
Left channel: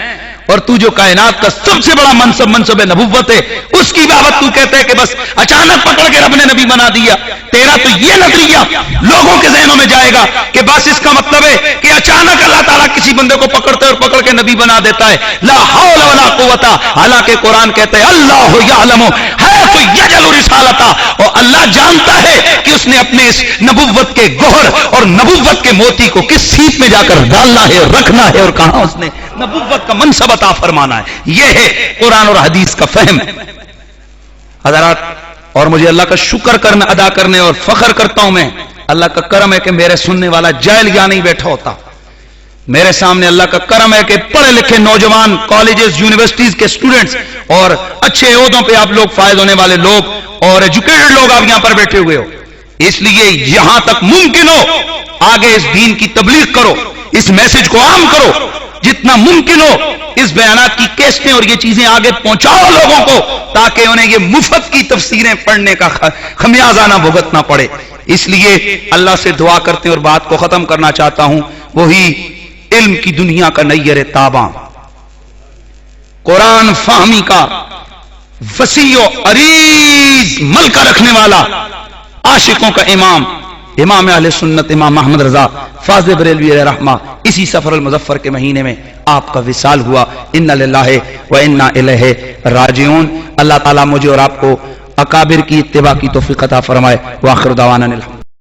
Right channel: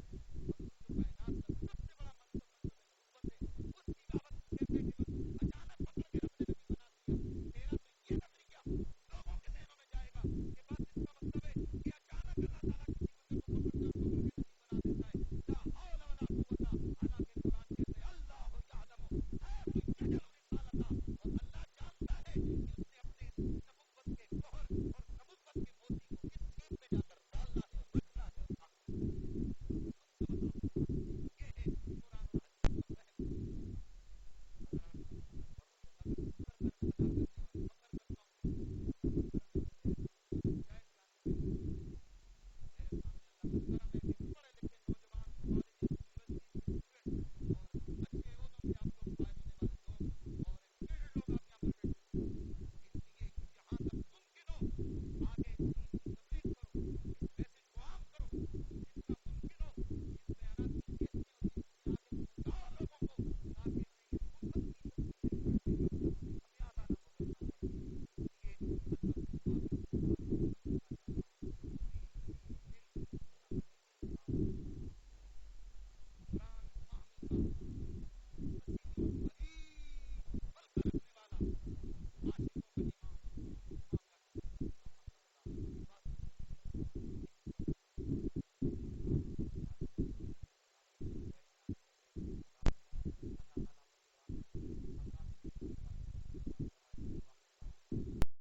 اور تو جو کائنات کا سب سے بڑا منصب نبوت ہے اس کی بابت تو کہتا ہے کہ بس اچانک پکڑ کے رب نے نبی بنا دیا. تیرا تو یہ نظریہ لوگوں کے ذہنوں میں جائے گا کہ بس اس کا مطلب ہے کہ اچانک اللہ تعالیٰ کسی بندے کو پکڑتا ہے اور پکڑ کے نبی بنا دیتا ہے. لا حول ولا قوت. حالانکہ قرآن کہتا ہے اللہ یعلم حیث یجعل رسالتہ، اور اللہ جانتا ہے کہ اس نے اپنے اس نبوت کے گوہر اور نبوت کے موتی کو کس سیٹ میں جا کر ڈالنا ہے اور رکھنا ہے اور کہاں اس نے نبوت کا منصب عطا فرمانا ہے. یہ ہے قرآن اور حدیث کا فہم. حضرات، اور مجھے اللہ کا شکر کرنا ادا کرنے اور فخر کرتا ہوں میں، اللہ کا کرم ہے کہ میرے سننے والا جاہل یا نہیں بیٹھا ہوتا. میرے سامنے اللہ کا کرم ہے کہ پڑھے لکھے نوجوان کالجز یونیورسٹیز کے سٹوڈنٹس اور اچھے عہدوں پہ آپ لوگ فائز ہونے والے لوگ اور ایجوکیٹڈ لوگ آپ یہاں پر بیٹھے ہوئے ہو. اس لیے یہاں تک ممکن ہو آگے اس دین کی تبلیغ کرو، اس میسج کو عام کرو، جتنا ممکن ہو اس بیانات کی کیسٹیں اور یہ چیزیں آگے پہنچاؤ لوگوں کو، تاکہ انہیں یہ مفت کی تفسیریں پڑھنے کا خمیازہ نہ بھگتنا پڑے. اس لیے اللہ سے دعا کرتے ہیں اور بات کو ختم کرنا چاہتا ہوں. وہی علم کی دنیا کا نیر تاباں، قرآن فہمی کا وسیع و عریض ملکہ رکھنے والا، عاشقوں کا امام، امام اہل سنت امام محمد رضا فاضل بریلوی علیہ رحمہ، اسی سفر المظفر کے مہینے میں آپ کا وصال ہوا. انا للہ و انا الیہ راجعون. اللہ تعالیٰ مجھے اور آپ کو اکابر کی اتباع کی توفیق عطا فرمائے. وآخر دعوانا الحمد